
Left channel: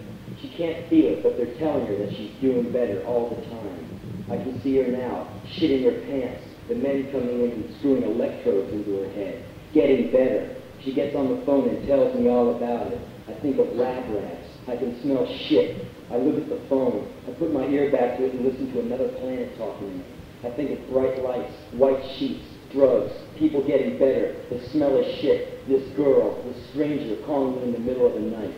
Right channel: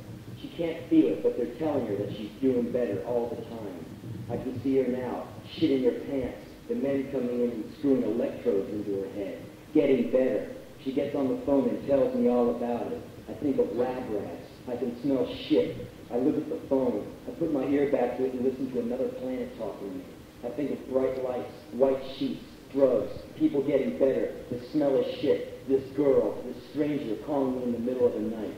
She can't feel it, but they're telling her that she's doing better all the time. I can see her now, shitting her pants, the men coming in and screwing electrodes into her head, getting better. She gets on the phone and tells me all about it. I think of lab rats. I can smell shit. I look at the phone. I put my ear back to it and listen to another planet talking to me. I think of bright lights, white sheets, drugs, people getting better, the smell of shit, this girl, this stranger calling me in the middle of the night.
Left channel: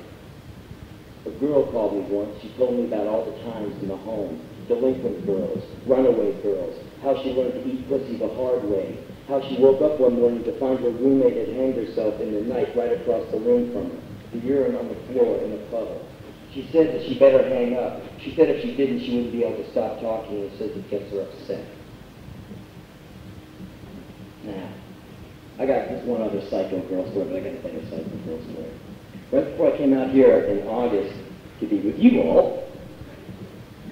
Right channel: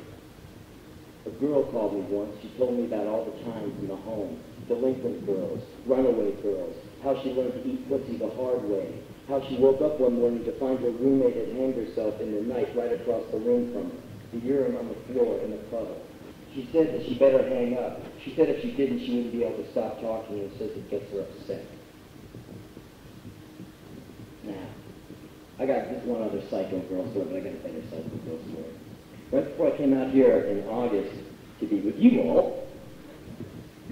A girl called me once. She told me about all the times in the home, delinquent girls, runaway girls, how she learned to eat pussy the hard way, how she woke up one morning to find her roommate had hanged herself in the night right across the room from her, the urine on the floor in a puddle. She said that she better hang up. She said if she didn't, she wouldn't be able to stop talking, and says it gets her upset. Now, I got just one other psycho girl story, but I got to tell you a psycho girl story. Right before I came out here in August to be with you all,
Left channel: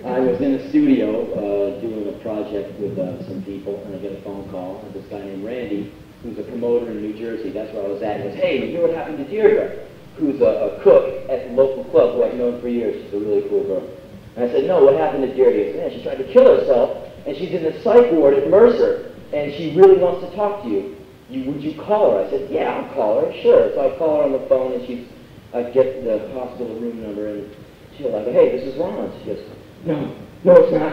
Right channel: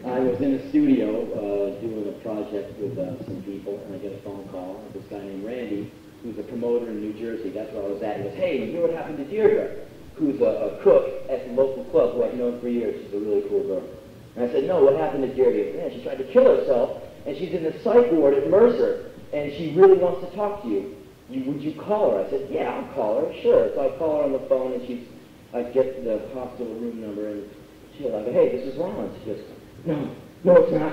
I was in a studio doing a project with some people, and I get a phone call of this guy named Randy, who's a promoter in New Jersey. That's where I was at. He goes, hey, you know what happened to Deirdre, who's a cook at the local club who I've known for years. She's a really cool girl. And I said, no, what happened to Deirdre? He said, man, she tried to kill herself, and she's in the psych ward at Mercer, and she really wants to talk to you. Would you call her? I said, yeah, I'll call her, sure. So I call her on the phone, and I get the hospital room number, and she's like, hey, this is Rollins. She goes, no, it's not.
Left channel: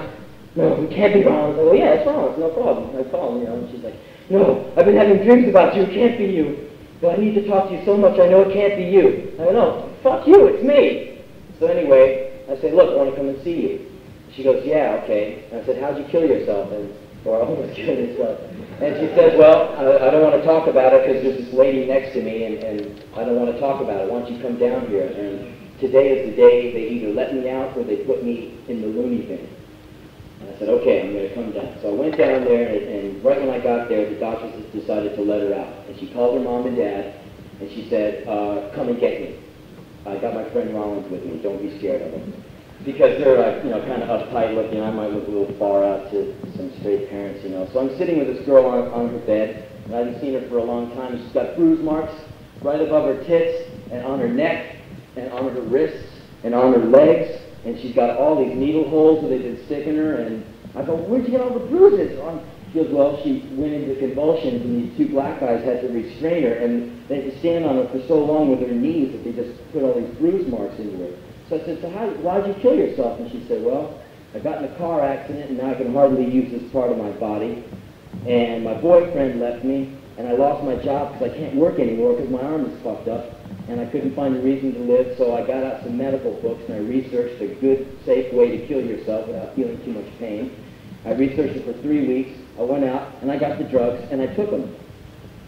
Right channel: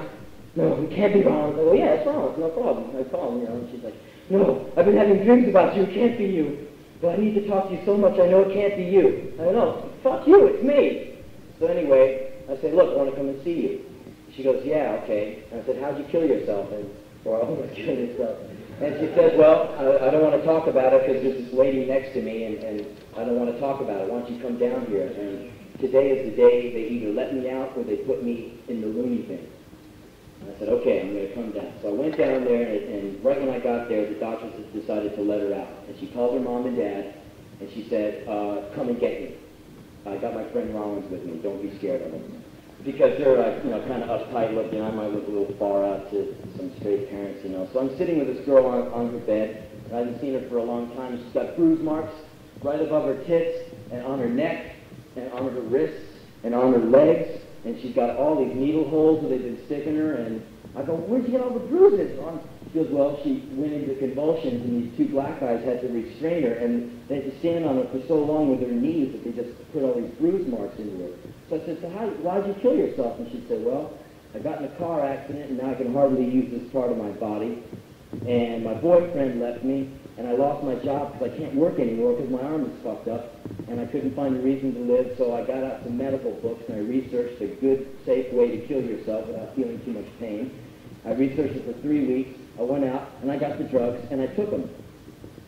No, it can't be Rollins. I go, yeah, it's Rollins, no problem. I call him, and she's like, no, I've been having dreams about you, it can't be you. But I need to talk to you so much, I know it can't be you. I go, no, fuck you, it's me. So anyway, I say, look, I want to come and see you. She goes, yeah, okay. And I said, how'd you kill yourself? Or almost kill yourself. And she says, well, I don't want to talk about it because there's this lady next to me, and I don't want to talk about it. Why don't you come down here? And today is the day they either let me out or they put me in the loony bin. And I said, okay, I'm going to come down. So I went down there, and right when I got there, the doctors decided to let her out. And she called her mom and dad, and she said, come and get me. I got my friend Rollins with me. Don't be scared of him. Because they're kind of uptight looking. I might look a little far out to some straight parents, So I'm sitting with this girl on her bed, and I haven't seen her for a long time. She's got bruise marks right above her tits, and on her neck, and on her wrists, and on her legs, and she's got all these needle holes where they've been sticking her, and I go, where'd you get all the bruises? She goes, well, she went into convulsions, and these two black guys had to restrain her, and they had to stand on her for so long with their knees that they just put all these bruise marks into her. So I said, so why'd you kill yourself? And she said, well, I got in a car accident, and now I can hardly use this part of my body. And my boyfriend left me, and I lost my job because I can't work anymore because my arm is fucked up, and I couldn't find a reason to live. So I got out some medical books, and I researched a good, safe way to kill yourself without feeling too much pain. I researched it for 3 weeks. I went out, and I got the drugs, and I took them.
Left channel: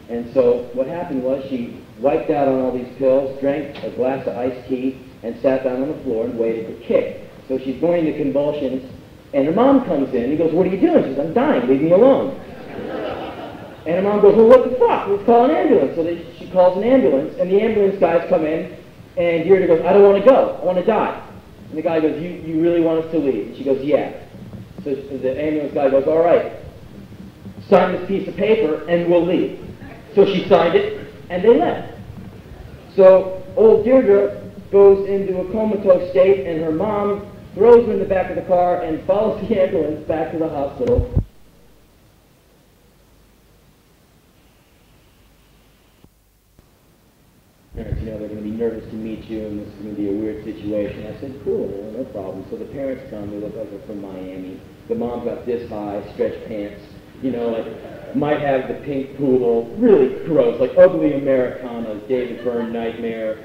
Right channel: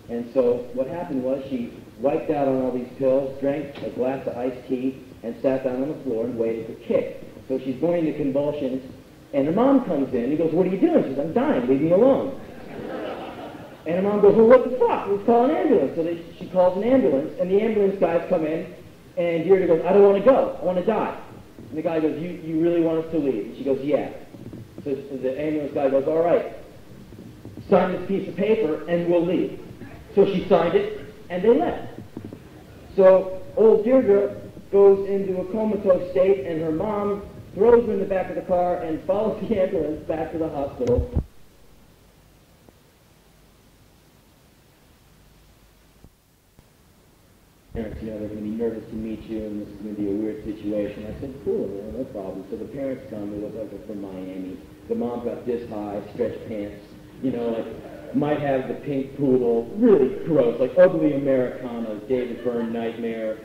And so what happened was she wiped out on all these pills, drank a glass of iced tea, and sat down on the floor and waited to kick. So she's going into convulsions, and her mom comes in. He goes, what are you doing? She says, I'm dying. Leave me alone. And her mom goes, well, what the fuck? Let's call an ambulance. So she calls an ambulance, and the ambulance guys come in, and Deirdre goes, I don't want to go. I want to die. And the guy goes, you really want us to leave? And she goes, yeah. So the ambulance guy goes, all right, sign this piece of paper, and we'll leave. So she signed it, and they left. So old Deirdre goes into a comatose state, and her mom throws her in the back of the car and follows the ambulance back to the hospital. And they're going to be nervous to meet you, and this is going to be a weird situation. I said, cool, no problem. So the parents come, they look like they're from Miami. The mom's got this high, stretched pants, might have the pink poodle, really gross, like ugly Americana, David Byrne nightmare,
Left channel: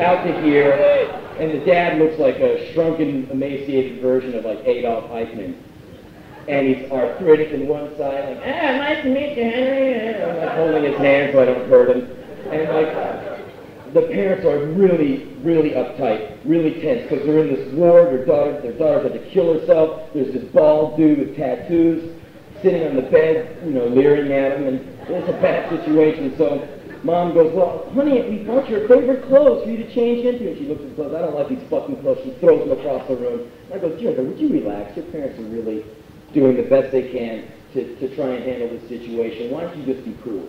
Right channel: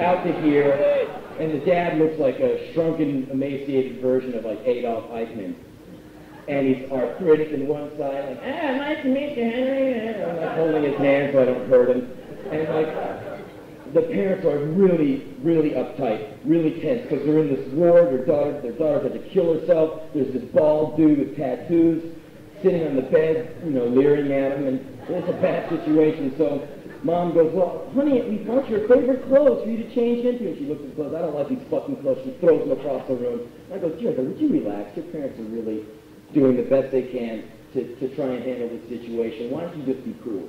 out to here, and the dad looks like a shrunken, emaciated version of like Adolf Eichmann. And he's arthritic in one side, like, nice to meet you, Henry. And I'm like holding his hand so I don't hurt him. And like, the parents are really, really uptight, really tense, because they're in this ward. Their daughter's had to kill herself. There's this bald dude with tattoos sitting on the bed, leering at him, and it's a bad situation. So Mom goes, well, honey, we bought your favorite clothes for you to change into. And she looks at the clothes. I don't like these fucking clothes. She throws them across the room. And I go, Deirdre, would you relax? Your parents are really doing the best they can to try and handle this situation. Why don't you just be cool?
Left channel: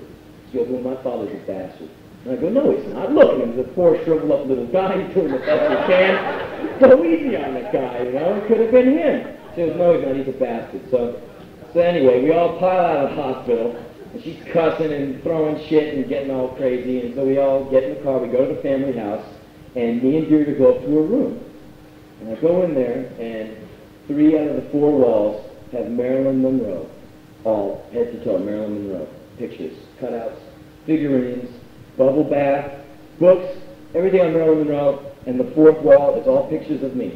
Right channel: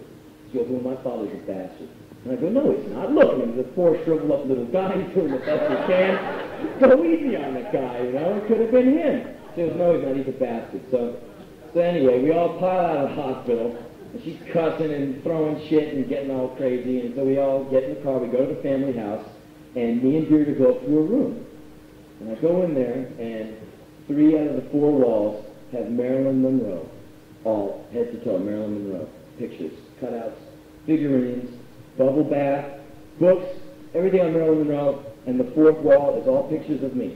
She goes, well, my father's a bastard. And I go, no, he's not. Look at him. He's a poor, shriveled up little guy. He's doing the best he can. Go easy on that guy, It could have been him. She goes, no, he's not. He's a bastard. So anyway, we all pile out of the hospital. And she's cussing and throwing shit and getting all crazy. And so we all get in the car. We go to the family house. And me and Deirdre go up to her room. And I go in there, and 3 out of the 4 walls have Marilyn Monroe. All head to toe, Marilyn Monroe. Pictures, cutouts, figurines, bubble bath, books, everything on Marilyn Monroe. And the 4th wall is all pictures of me.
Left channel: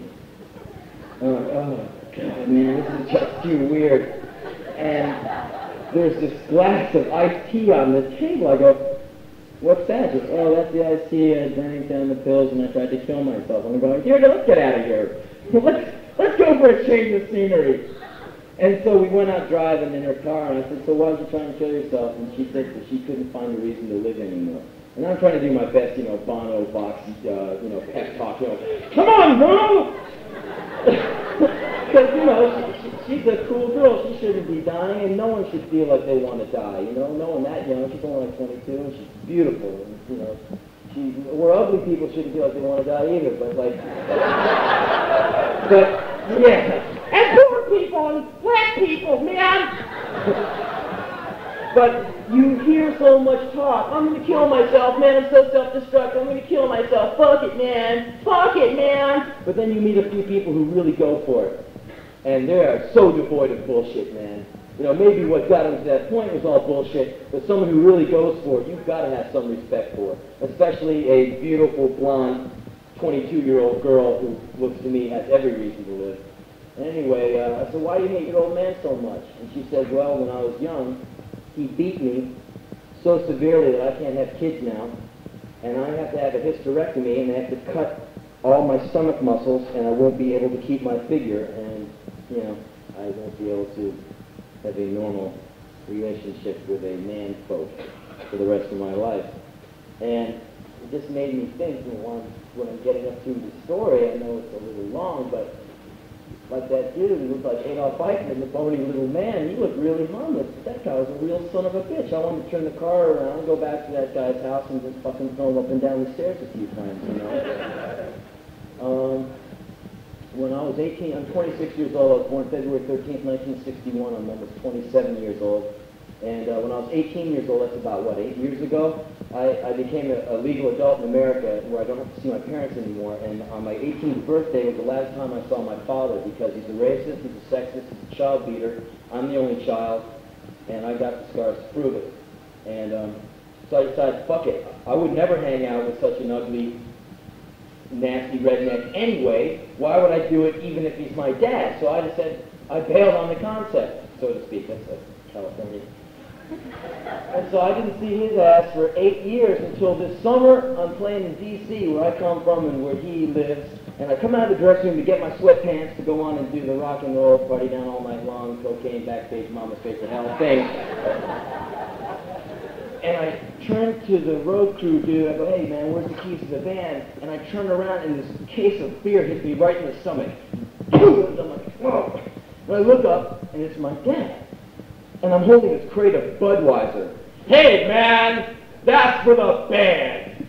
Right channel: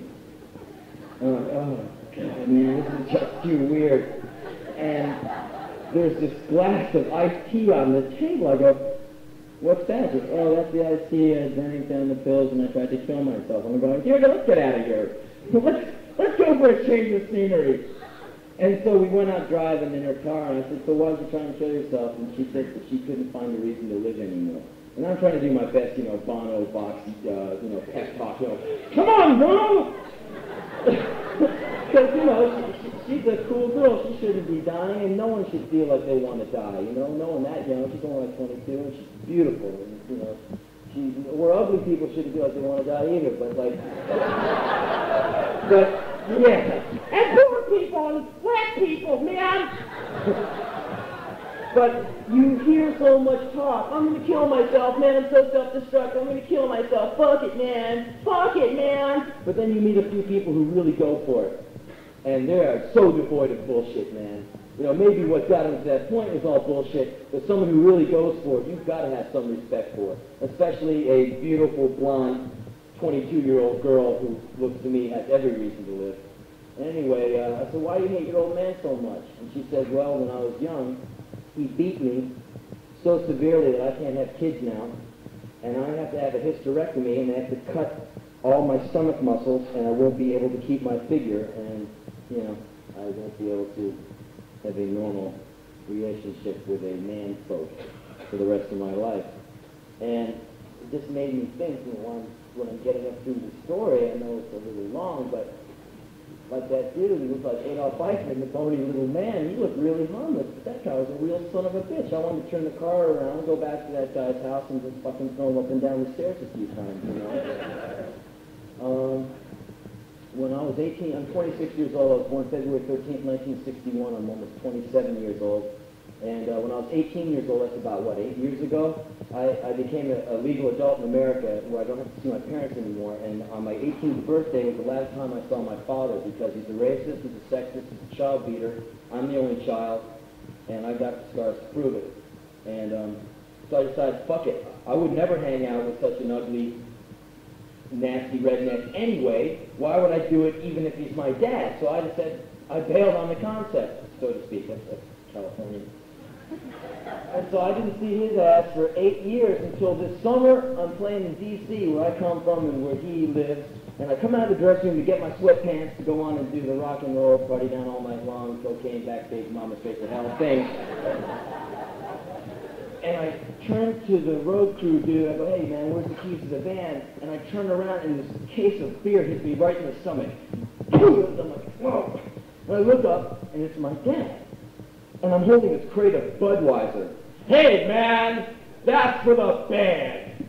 Oh, God, man, this is just too weird. And there's this glass of iced tea on the table. I go, what's that? She goes, oh, that's the iced tea. I drank down the pills and I tried to kill myself. And I'm going, Deirdre, let's get out of here. Let's go for a change of scenery. And so we went out driving in her car, and I said, so why was you trying to kill yourself? And she said that she couldn't find a reason to live anymore. And I'm trying to do my best, Bono, Box, pep talk, come on, girl! Because, she's a cool girl. She shouldn't be dying, and no one should feel like they want to die, No one that young. She's only like 22, and she's beautiful. And, we're ugly people shouldn't feel like they want to die either, but yeah. And poor people and black people, man! But you hear so much talk. I'm going to kill myself, man. I'm so self-destructive. I'm going to kill myself. Fuck it, man. Fuck it, man. But then you meet a few people who really go for it. And they are so devoid of bullshit, man. Maybe what got them to that point was all bullshit, but someone who really goes for it, you've got to have some respect for. Especially a beautiful, blonde, 22-year-old girl who looks to me has every reason to live. And anyway, I said, why do you hate your old man so much? And she said, well, when I was young, he beat me so severely that I can't have kids now, and I have to have a hysterectomy, and they have to cut all my stomach muscles, and I won't be able to keep my figure, and, I won't be able to have a normal relationship with a man folk for the rest of my life. And it just made me think, when I'm getting up through the story, I know it's a little long, but like that dude who looked like Adolf Eichmann, the bony little man, he looked really harmless. But that guy was a real son of a bitch. I wanted to turn the car around, go back to that guy's house, and just fucking throw him up and down the stairs a few times, When I was 18, I'm 26 years old. I was born February 13th, 1961. I'm almost 27 years old. And when I was 18 years old, that's about, 8 years ago, I became a legal adult in America where I don't have to see my parents anymore. And on my 18th birthday was the last time I saw my father because he's a racist, he's a sexist, he's a child beater. I'm the only child, and I got the scars to prove it. And so I decided, fuck it. I would never hang out with such an ugly, nasty redneck anyway. Why would I do it even if he's my dad? So I just said, I bailed on the concept, so to speak. That's California. And so I didn't see his ass for 8 years until this summer. I'm playing in D.C. where I come from and where he lives. And I come out of the dressing room to get my sweatpants to go on and do the rock and roll party down all night long, cocaine, backstage, mama, face of hell thing. And I turn to the road crew dude. I go, hey man, where's the keys to the van? And I turn around and this case of beer hits me right in the stomach. I'm like, whoa. And I look up and it's my dad. And I'm holding this crate of Budweiser. Hey, man, that's for the band.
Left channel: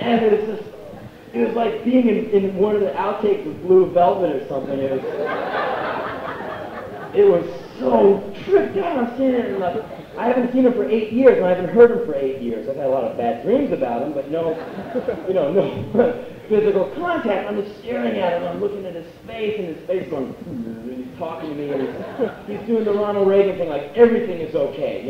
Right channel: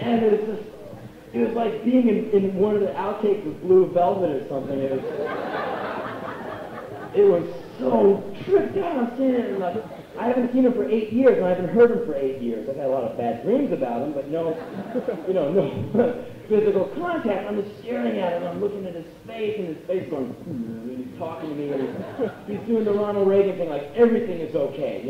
And it was like being in one of the outtakes of Blue Velvet or something. It was so tripped out. I'm seeing it, and I haven't seen him for 8 years, and I haven't heard him for 8 years. I've had a lot of bad dreams about him, but no physical contact. I'm just staring at him. I'm looking at his face, and his face going, and he's talking to me, and he's doing the Ronald Reagan thing, like everything is okay,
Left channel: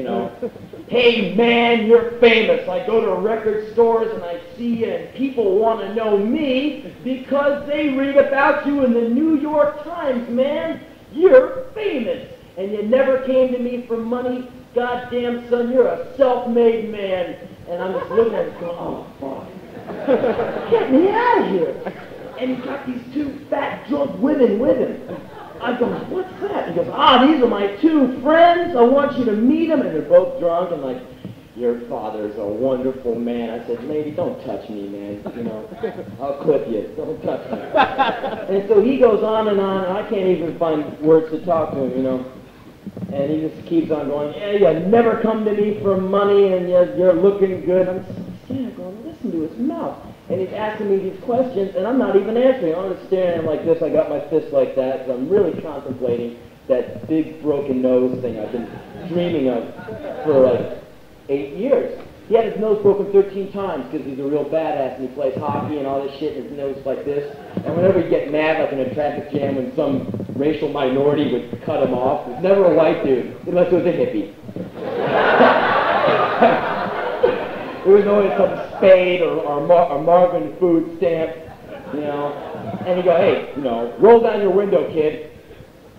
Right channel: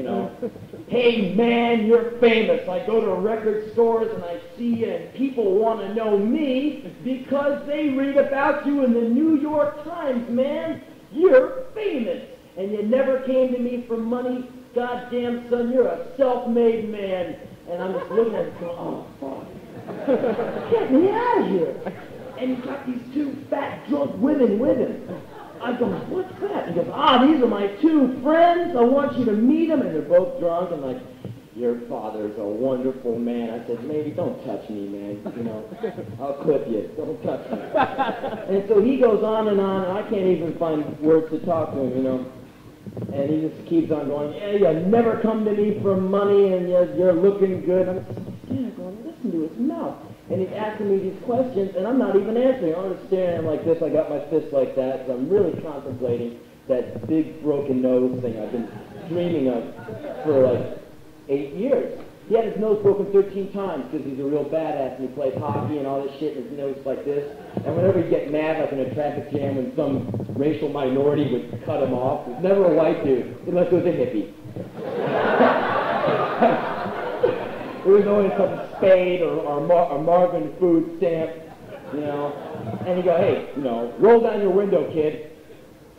Hey, man, you're famous. I go to record stores, and I see you, and people want to know me because they read about you in the New York Times, man. You're famous. And you never came to me for money. Goddamn, son, you're a self-made man. And I'm just looking at him going, oh, fuck. Get me out of here. And he's got these two fat, drunk women with him. I go, what's that? He goes, these are my two friends. I want you to meet them. And they're both drunk and like, your father's a wonderful man. I said, lady, don't touch me, man. I'll clip you. Don't touch me. And so he goes on, and I can't even find words to talk to him, And he just keeps on going, yeah, you never come to me for money, and you're looking good. I'm sitting there going, listen to his mouth. And he's asking me these questions, and I'm not even answering. I'm just staring at him like this. I got my fist like that, because I'm really contemplating that big broken nose thing I've been dreaming of for 8 years. He had his nose broken 13 times because he's a real badass and he plays hockey and all this shit, and his nose is like this. And whenever he'd get mad, like in a traffic jam, when some racial minority would cut him off, it was never a white dude, unless it was a hippie. It was always some Spade or Marvin food stamp, And he'd go, hey, roll down your window, kid.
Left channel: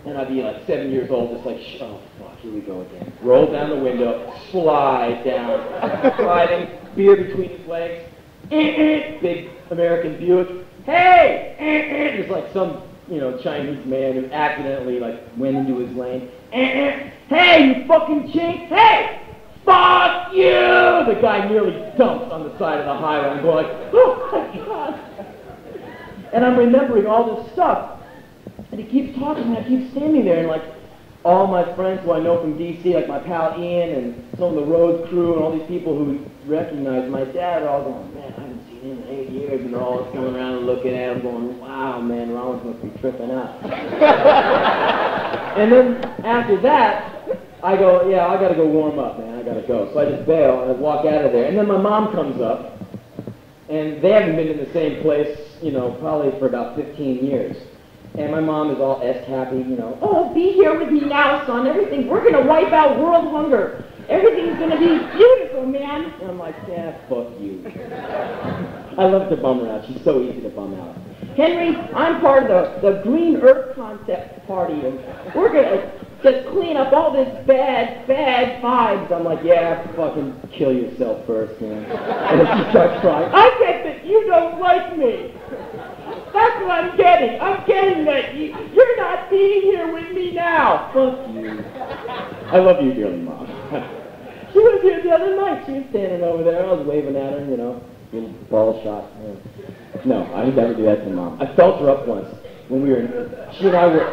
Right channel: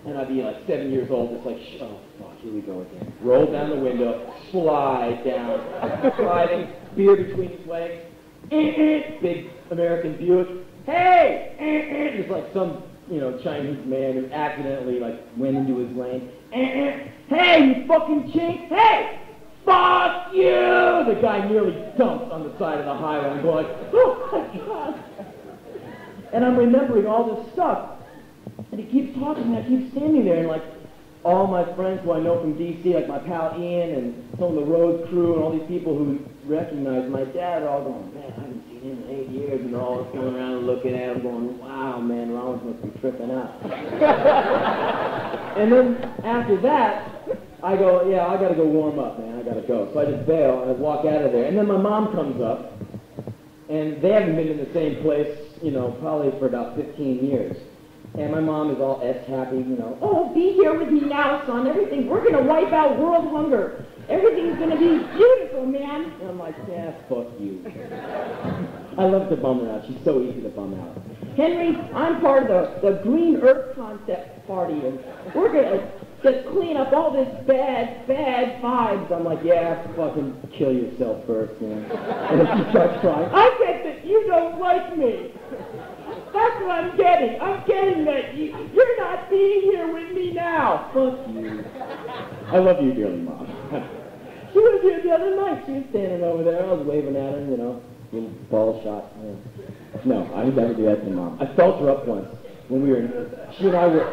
And I'd be like 7 years old, just like, oh, fuck, here we go again. Roll down the window, slide down, sliding, beer between his legs, big American Buick. Hey! It's like some, Chinese man who accidentally, went into his lane. Hey, you fucking chink! Hey! Fuck you! The guy nearly dumps on the side of the highway. I'm going, oh my God! And I'm remembering all this stuff. And he keeps talking, and I keep standing there, and all my friends who I know from D.C., like my pal Ian and some of the Rhodes crew and all these people who recognize my dad are all going, man, I haven't seen him in 8 years, and they're all just coming around and looking at him going, wow, man, Rollins must be tripping out. And then after that, I go, yeah, I gotta go warm up, man, I gotta go. So I just bail, and I walk out of there. And then my mom comes up, and they haven't been in the same place, probably for about 15 years. And my mom is all happy, oh, be here with me now, son. We're going to wipe out world hunger. Everything's going to be beautiful, man. And I'm like, yeah, fuck you. I love to bum her out. She's so easy to bum out. Henry, I'm part of the Green Earth Concept Party, and we're going to just clean up all this bad vibes. I'm like, yeah, fucking kill yourself first, man. And then she starts crying. I get that you don't like me. That's what I'm getting. I'm getting that you're not being here with me now. Fuck you. I love you dearly, Mom. She was here the other night. She was standing over there. I was waving at her, little ball shot. No, I would never do that to Mom. I felt her up once when we were she and I were